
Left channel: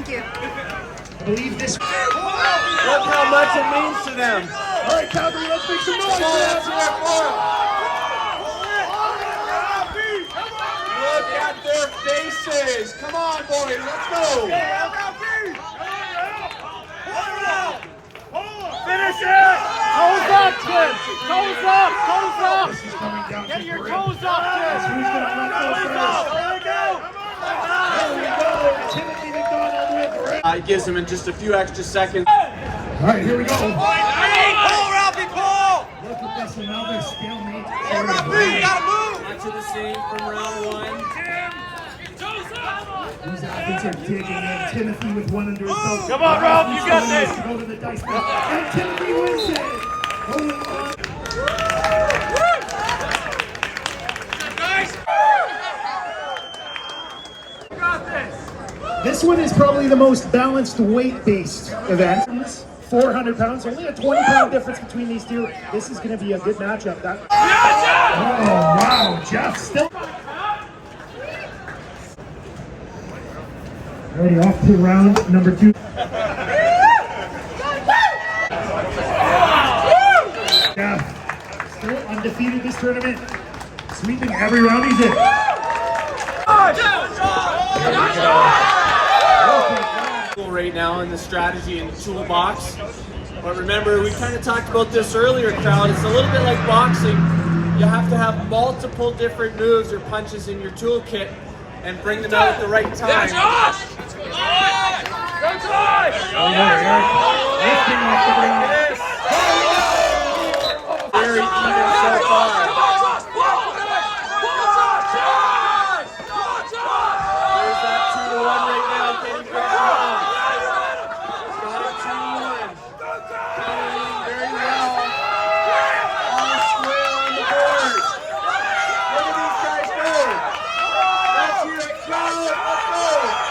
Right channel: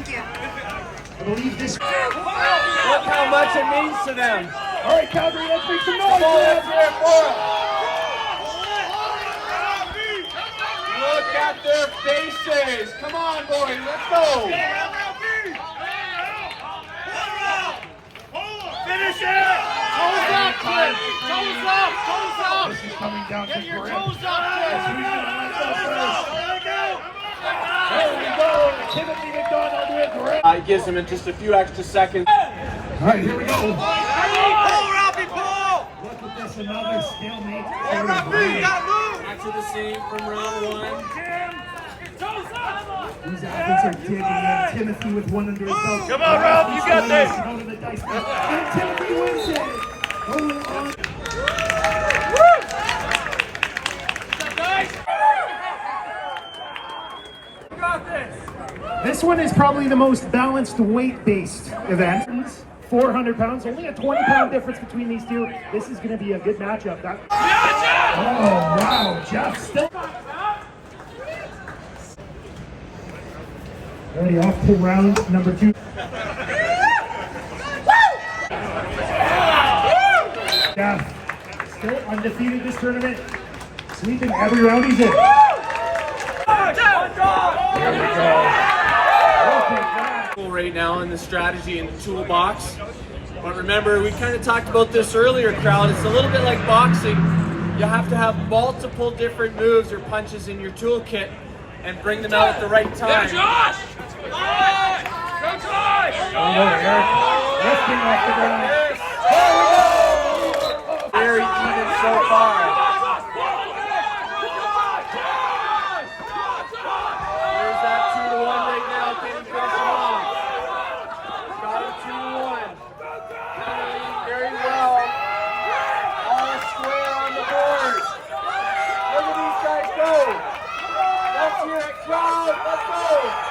you. I believe this... Look how much it means to them. All right, Calgary, let's make some noise. Let's hear it for them. Look at their faces. Come on, boys. Let's go. Finish it! Toes up, kid! Toes up! Toes up! This is coming down Get to your three. toes up, Who's kid! gonna let go first? There we go. Timothy McDonald with It gives them in just a few extra seconds. All right, here we go. Pull, Ralphie, pull! Look at this, another stalemate. Hey, Ralphie, you gotta move! Back to the same from round one. These athletes are digging in. Timothy with one under his belt. Come on, Rob, you got this. To go to the dice bowl. And Timothy wins it. Holding on. You got this! This one is probably the most balanced weight-based event. 400 pounds, only a 20-pound difference between these two. This is going to be a good matchup. Oh, wow. Jeff still. Already off to round number 2. Yeah, still undefeated this tournament. Sweeping every round he's in. Right now in the strategy and toolbox. But remember, we kind of talked about this earlier, crowd. It's a little bit like boxing. You have to have multiple different moves or punches in your toolkit and bring them out at the right time. Lifting off the ground. Very even so far. There's that 2-1 right now. Can't get wrong. Got a 2-1. Playing very well. All square on the board. Look at these guys go. Let's hear it, crowd. Let's go.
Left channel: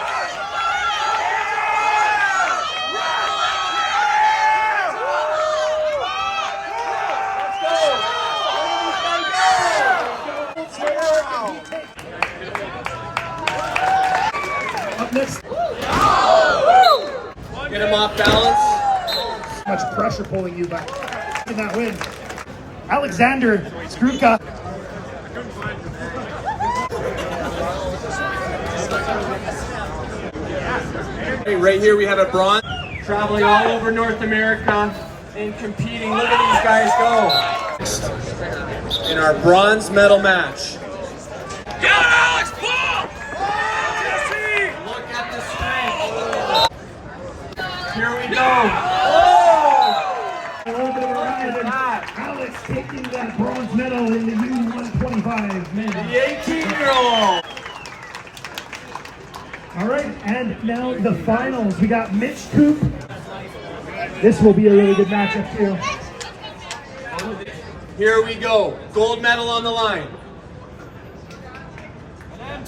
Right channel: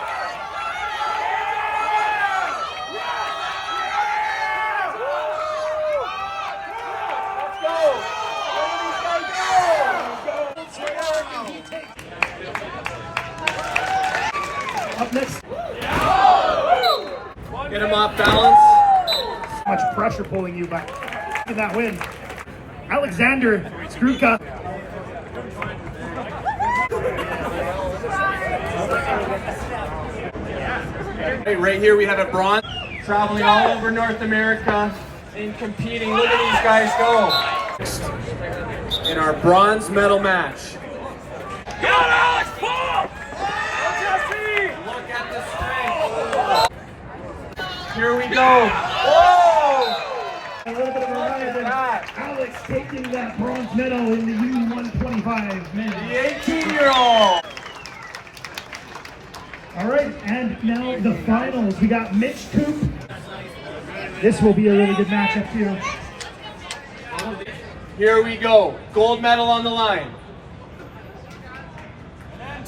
Up next. Get him off balance. Much pressure pulling you back. In that win. Alexander Skruka. Right here we have a bronze traveling all over North America and competing. Look at these guys go. In our bronze medal match. Get on, Alex, pull! Look at the strength. Here we go. Oh! A little bit of a ride, and Alex taking that bronze medal in the U125 men. The 18-year-old. All right, and now the finals. We got Mitch Coop. This will be a really good matchup too. Here we go. Gold medal on the line. And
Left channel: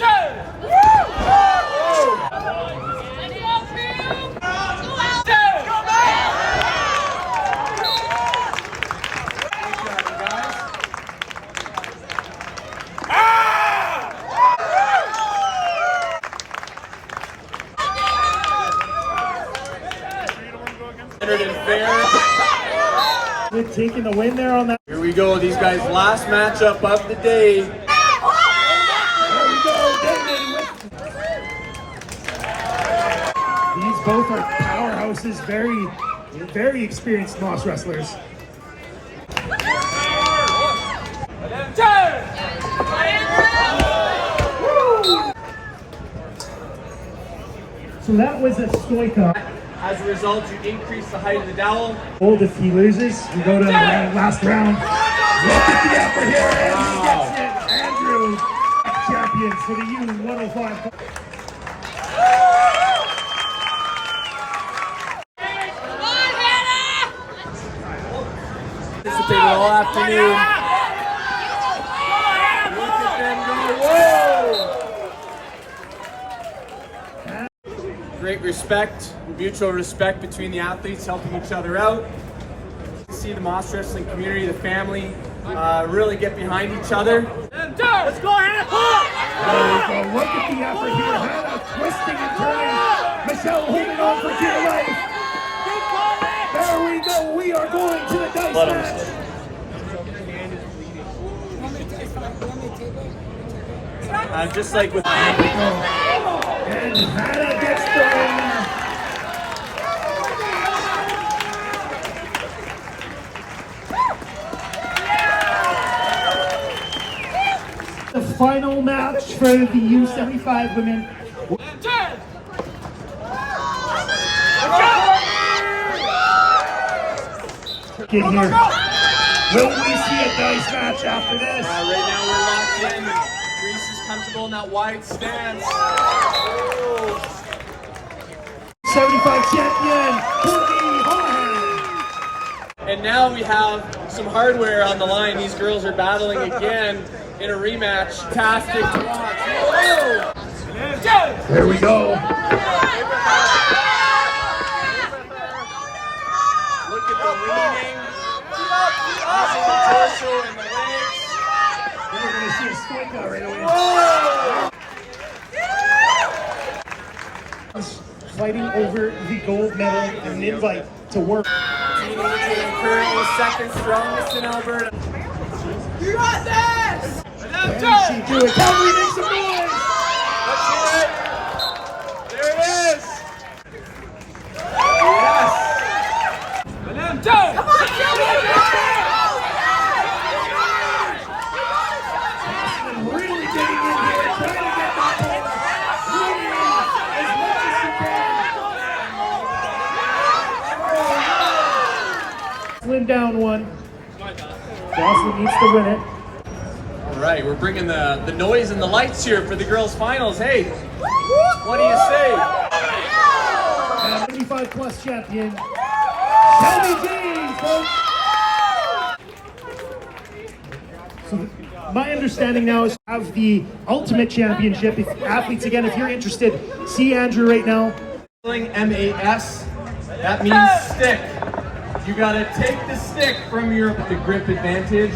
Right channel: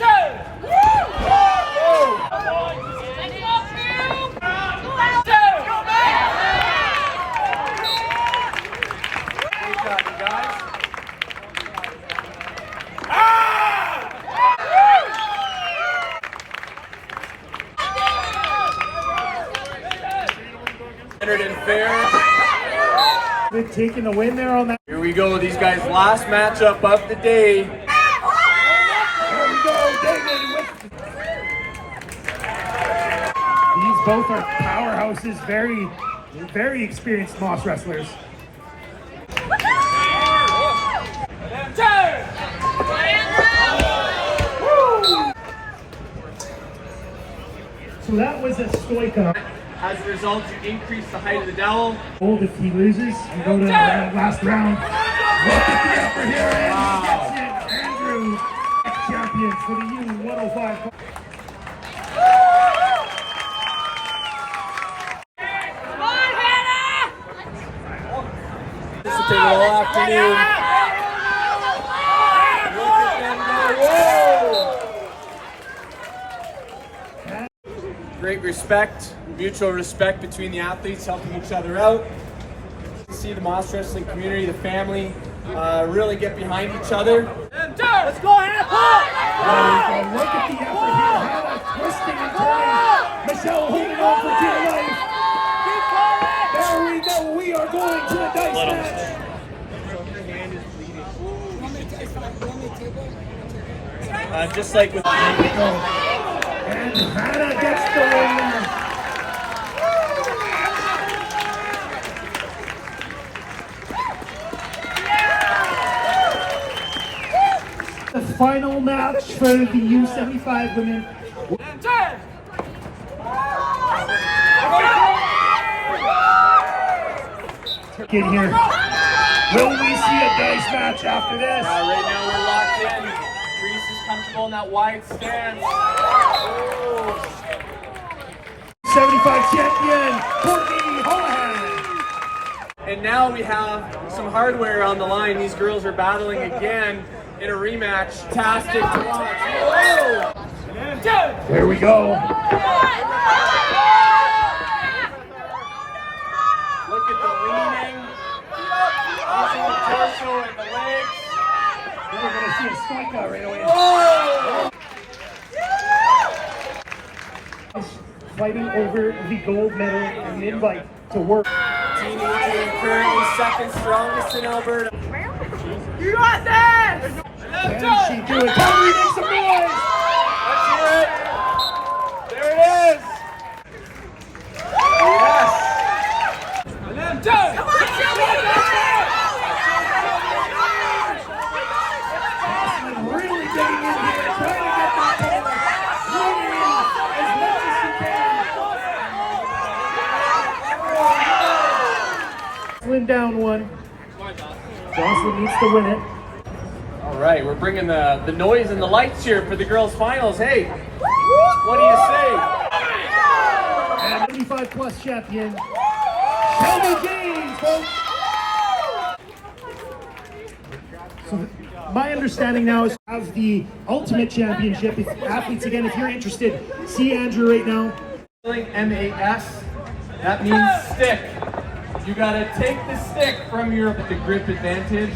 fair. They've taken the win there on that. Here we go. These guys' last matchup of the day. There we go, Damon. These both are powerhouses, very experienced Moss wrestlers. So that was a Stoika. As a result, you increase the height of the dowel. Hold if he loses, we go to the last round. Look at the upper here, and he gets it. Andrew, champions for the U105. Participated all afternoon. Look at them go. Whoa! Great respect, mutual respect between the athletes, helping each other out. See the Moss wrestling community, the family, really get behind each other. Let's go, Hannah! Look at the upper here, Hannah twisting and turning. Michelle holding on for dear life. There we go, we are going to the dice match. Just like with And Hannah gets the win. final match for the U75 women. Get here. Will we see a nice match after this? Right now we're locked in. Reese is comfortable in that wide stance. 75 champion, homeland. And now we have some hardware on the line. These girls are battling again in a rematch. Fantastic to watch. Whoa! There we go. Look at the leaning. Using the torso and the legs. We're going to see a strikeout right away. Fighting over the gold medal and an invite to work. Team 18 currently second strongest in Alberta. You got this! Can she do it? Calgary, make some noise! There it is! Yes! Really getting in here, trying to get that ball. Leaning in as much as she can. Slim down one. Jocelyn needs to win it. All right, we're bringing the noise and the lights here for the girls' finals. Hey, what do you say? And 75 plus champion, Shelby James. So my understanding now is of the ultimate championship. If athletes, again, if you're interested, see Andrew right now. MAS, that means stick. You gotta take the stick from the grip advantage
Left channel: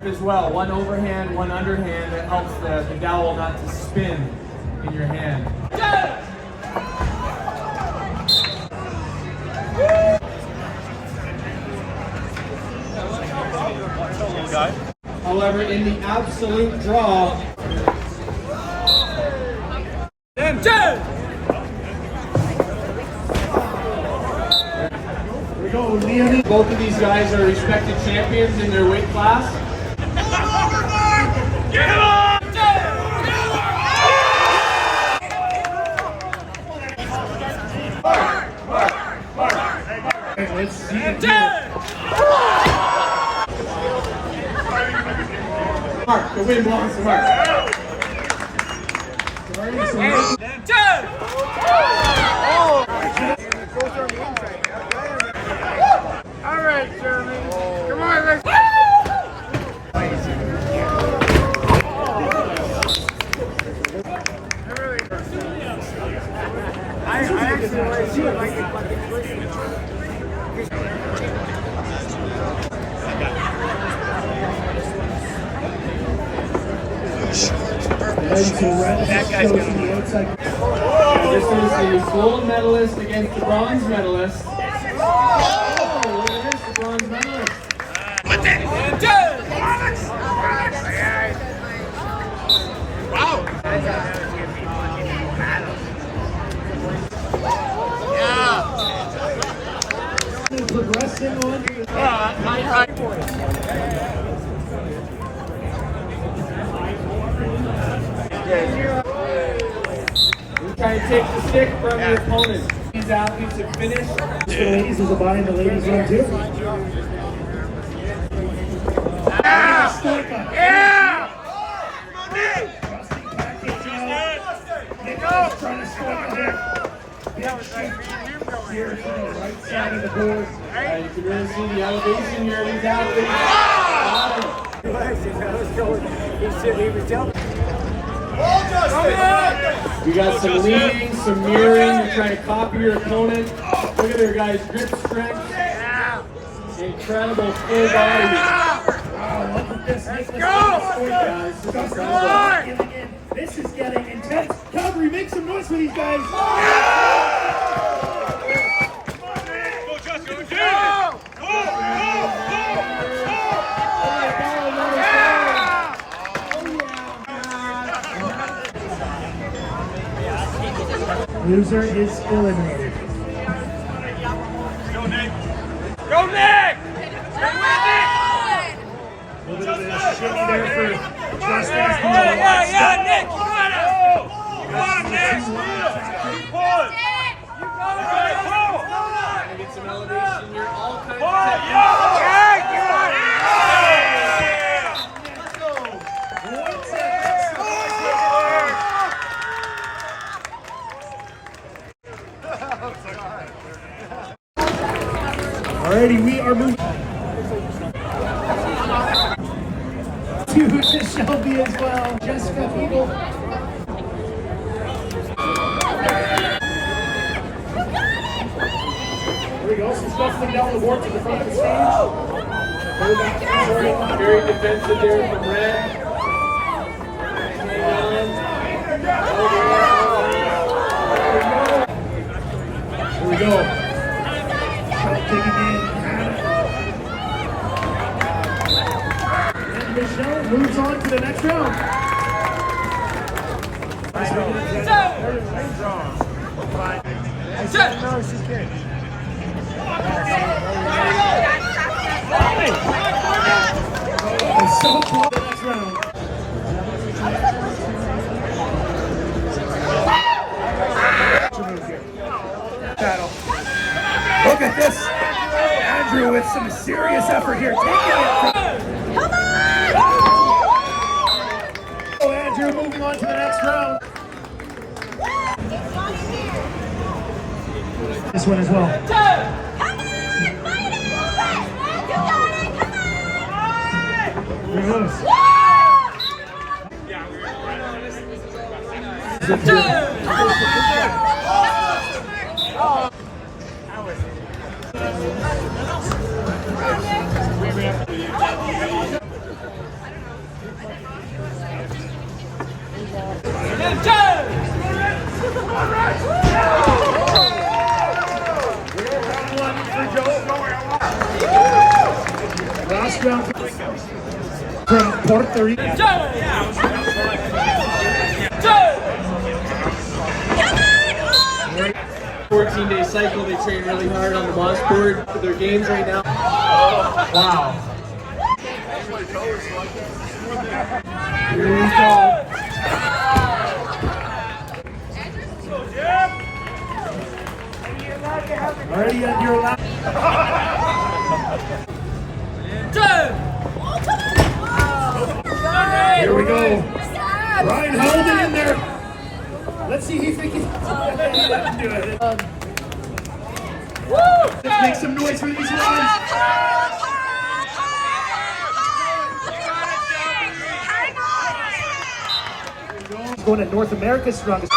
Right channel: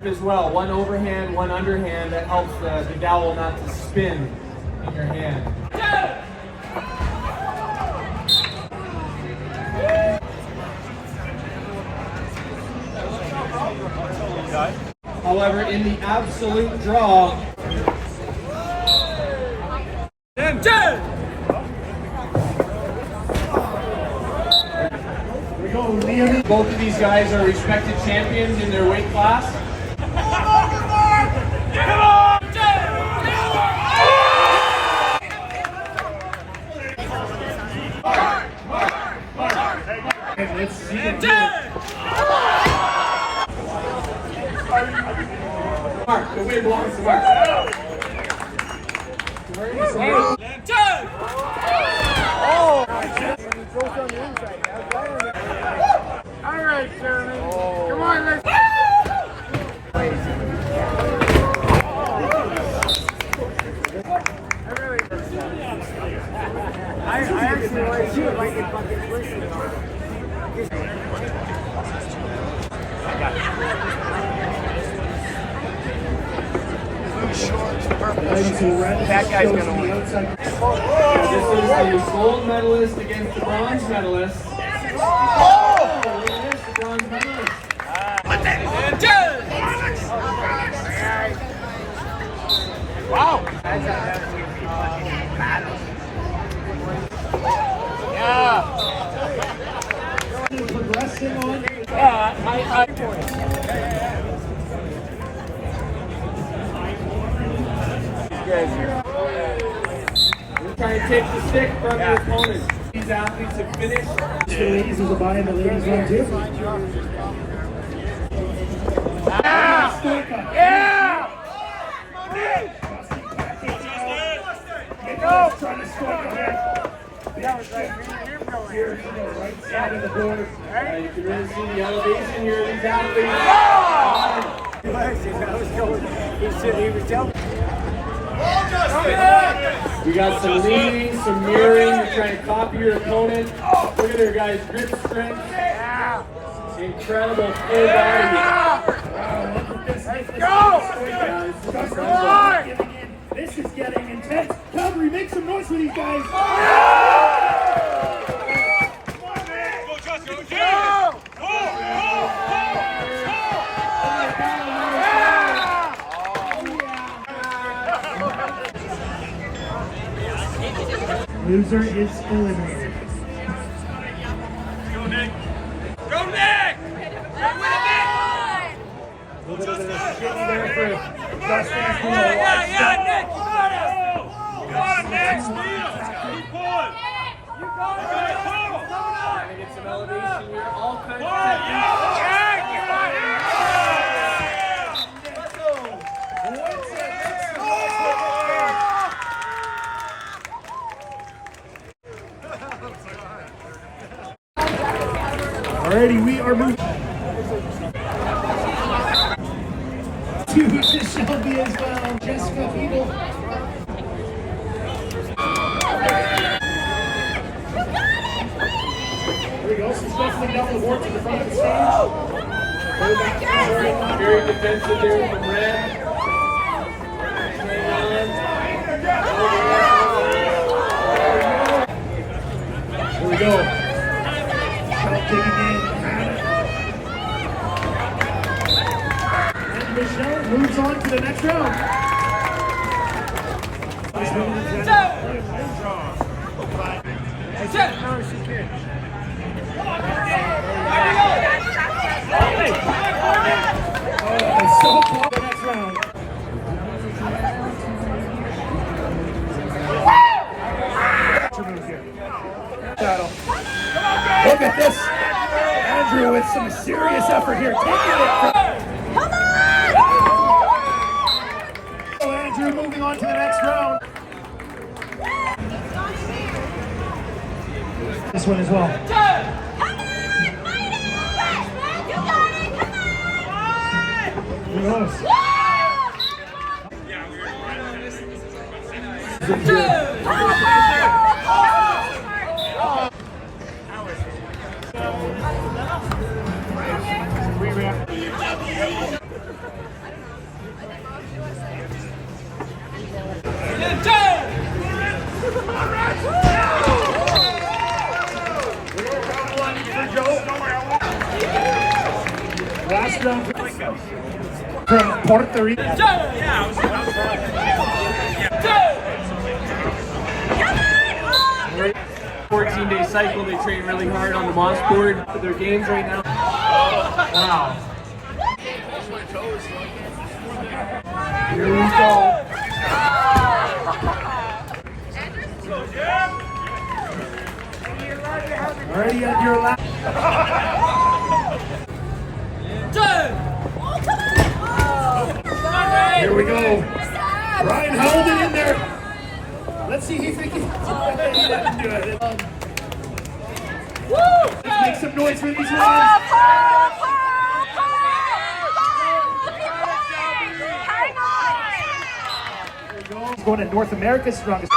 as well. One overhand, one underhand, that helps the dowel not to spin in your hand. However, in the absolute draw, both of these guys are respected champions in their weight class. Let's see. Mark, the win belongs to Mark. All right, Jeremy. Come on, let's Ladies who ran that shows on the outside. This is the gold medalist against the bronze medalist. Oh, look at this, the bronze medalist. Wow. Progressing on. We're trying to take the stick from your opponent. These athletes have finished. The ladies is a buy in the ladies room too. Yeah! Trying to struggle here. Big shift here to the right side of the board. You can really see the elevation here of these athletes. We got some leaning, some mirroring. You're trying to copy your opponent. Look at her, guys. Grip strength. Incredible full body. Wow, look at this. Yeah, this is incredible. This is getting intense. Calgary, make some noise for these guys. Loser is eliminated. Go, Nick! A little bit of a shimmy there for Justin. He's doing a lot. Yeah, Nick, you got it! Come on, Nick! Keep pulling! You got it! Trying to get some elevation here. All kinds of Alrighty, we are moving to Shelby as well. Jessica Beagle. There we go. Some shuffling down the board to the front of the stage. very defensive there from Red. Here we go. Digging in. And Michelle moves on to the next round. Nice win in the oh, so close to the next round. Look at this. Andrew with some serious effort here. Taking it. Oh, Andrew moving on to the next round. This one as well. Here it goes. Last round from Puerto Rico. 14-day cycle. They train really hard on the moss board for their games right now. Wow. Here we go. Already at your last. Here we go. Ryan held it in there. Let's see if he can do it. Let's make some noise for these women. Going to North America's strongest.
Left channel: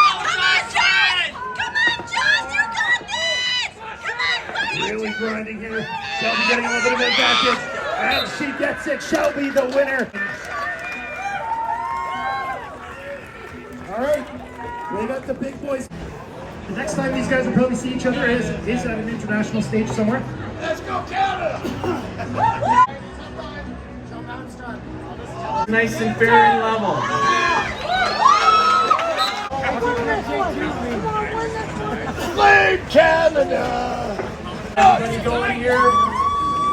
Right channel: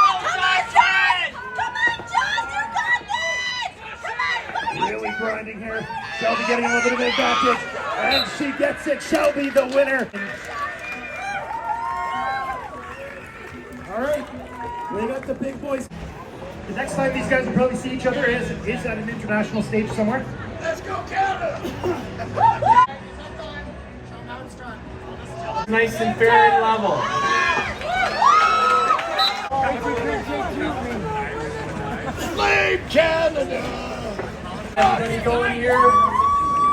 Really grinding here. Shelby getting a little bit of advantage. And she gets it. Shelby the winner. All right. We got the big boys. The next time these guys will probably see each other is at an international stage somewhere. Let's go Canada! Nice and fair and level. Slave Canada! Everybody going here.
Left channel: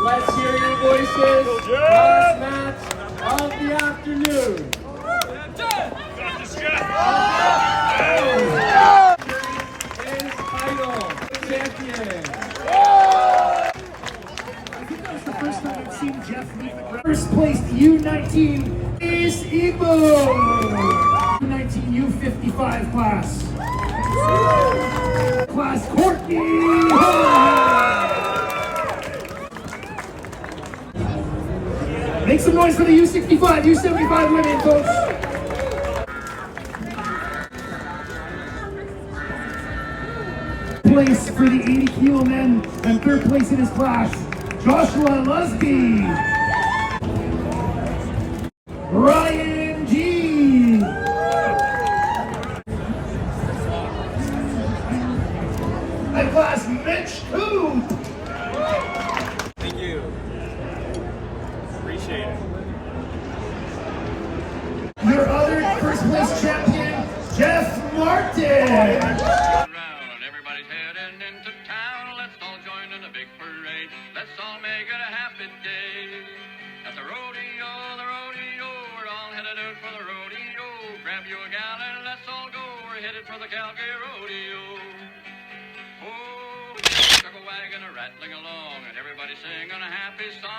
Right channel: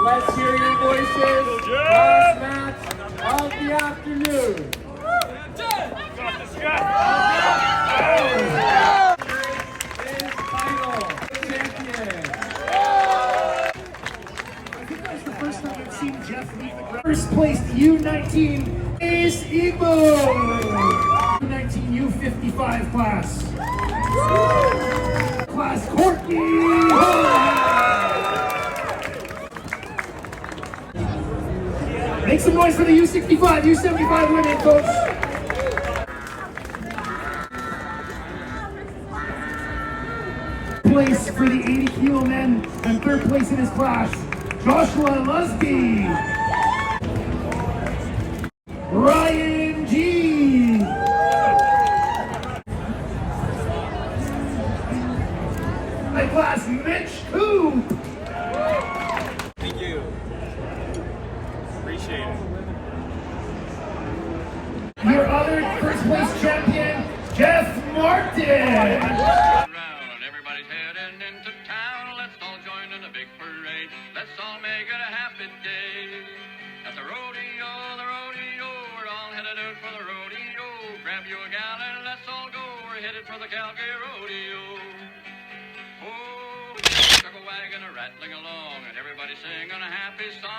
Let's hear your voices. Last match of the afternoon. Champion. I think that was the first time I've seen Jeff leave the ground. First place U19 is Igbo. U19 U55 class. Class Courtney. Make some noise for the U65, U75 women, folks. Place for the 80 kilo men and third place in his class, Joshua Lusby, Ryan G, my class Mitch Coop. Thank you. Appreciate it. Your other first place champion, Jeff Martin. Everybody's heading into town. Let's all join in a big parade. Let's all make it a happy day at the rodeo. headed for the Calgary rodeo. Oh, chuck a wagon a rattling along, and everybody singing a happy song.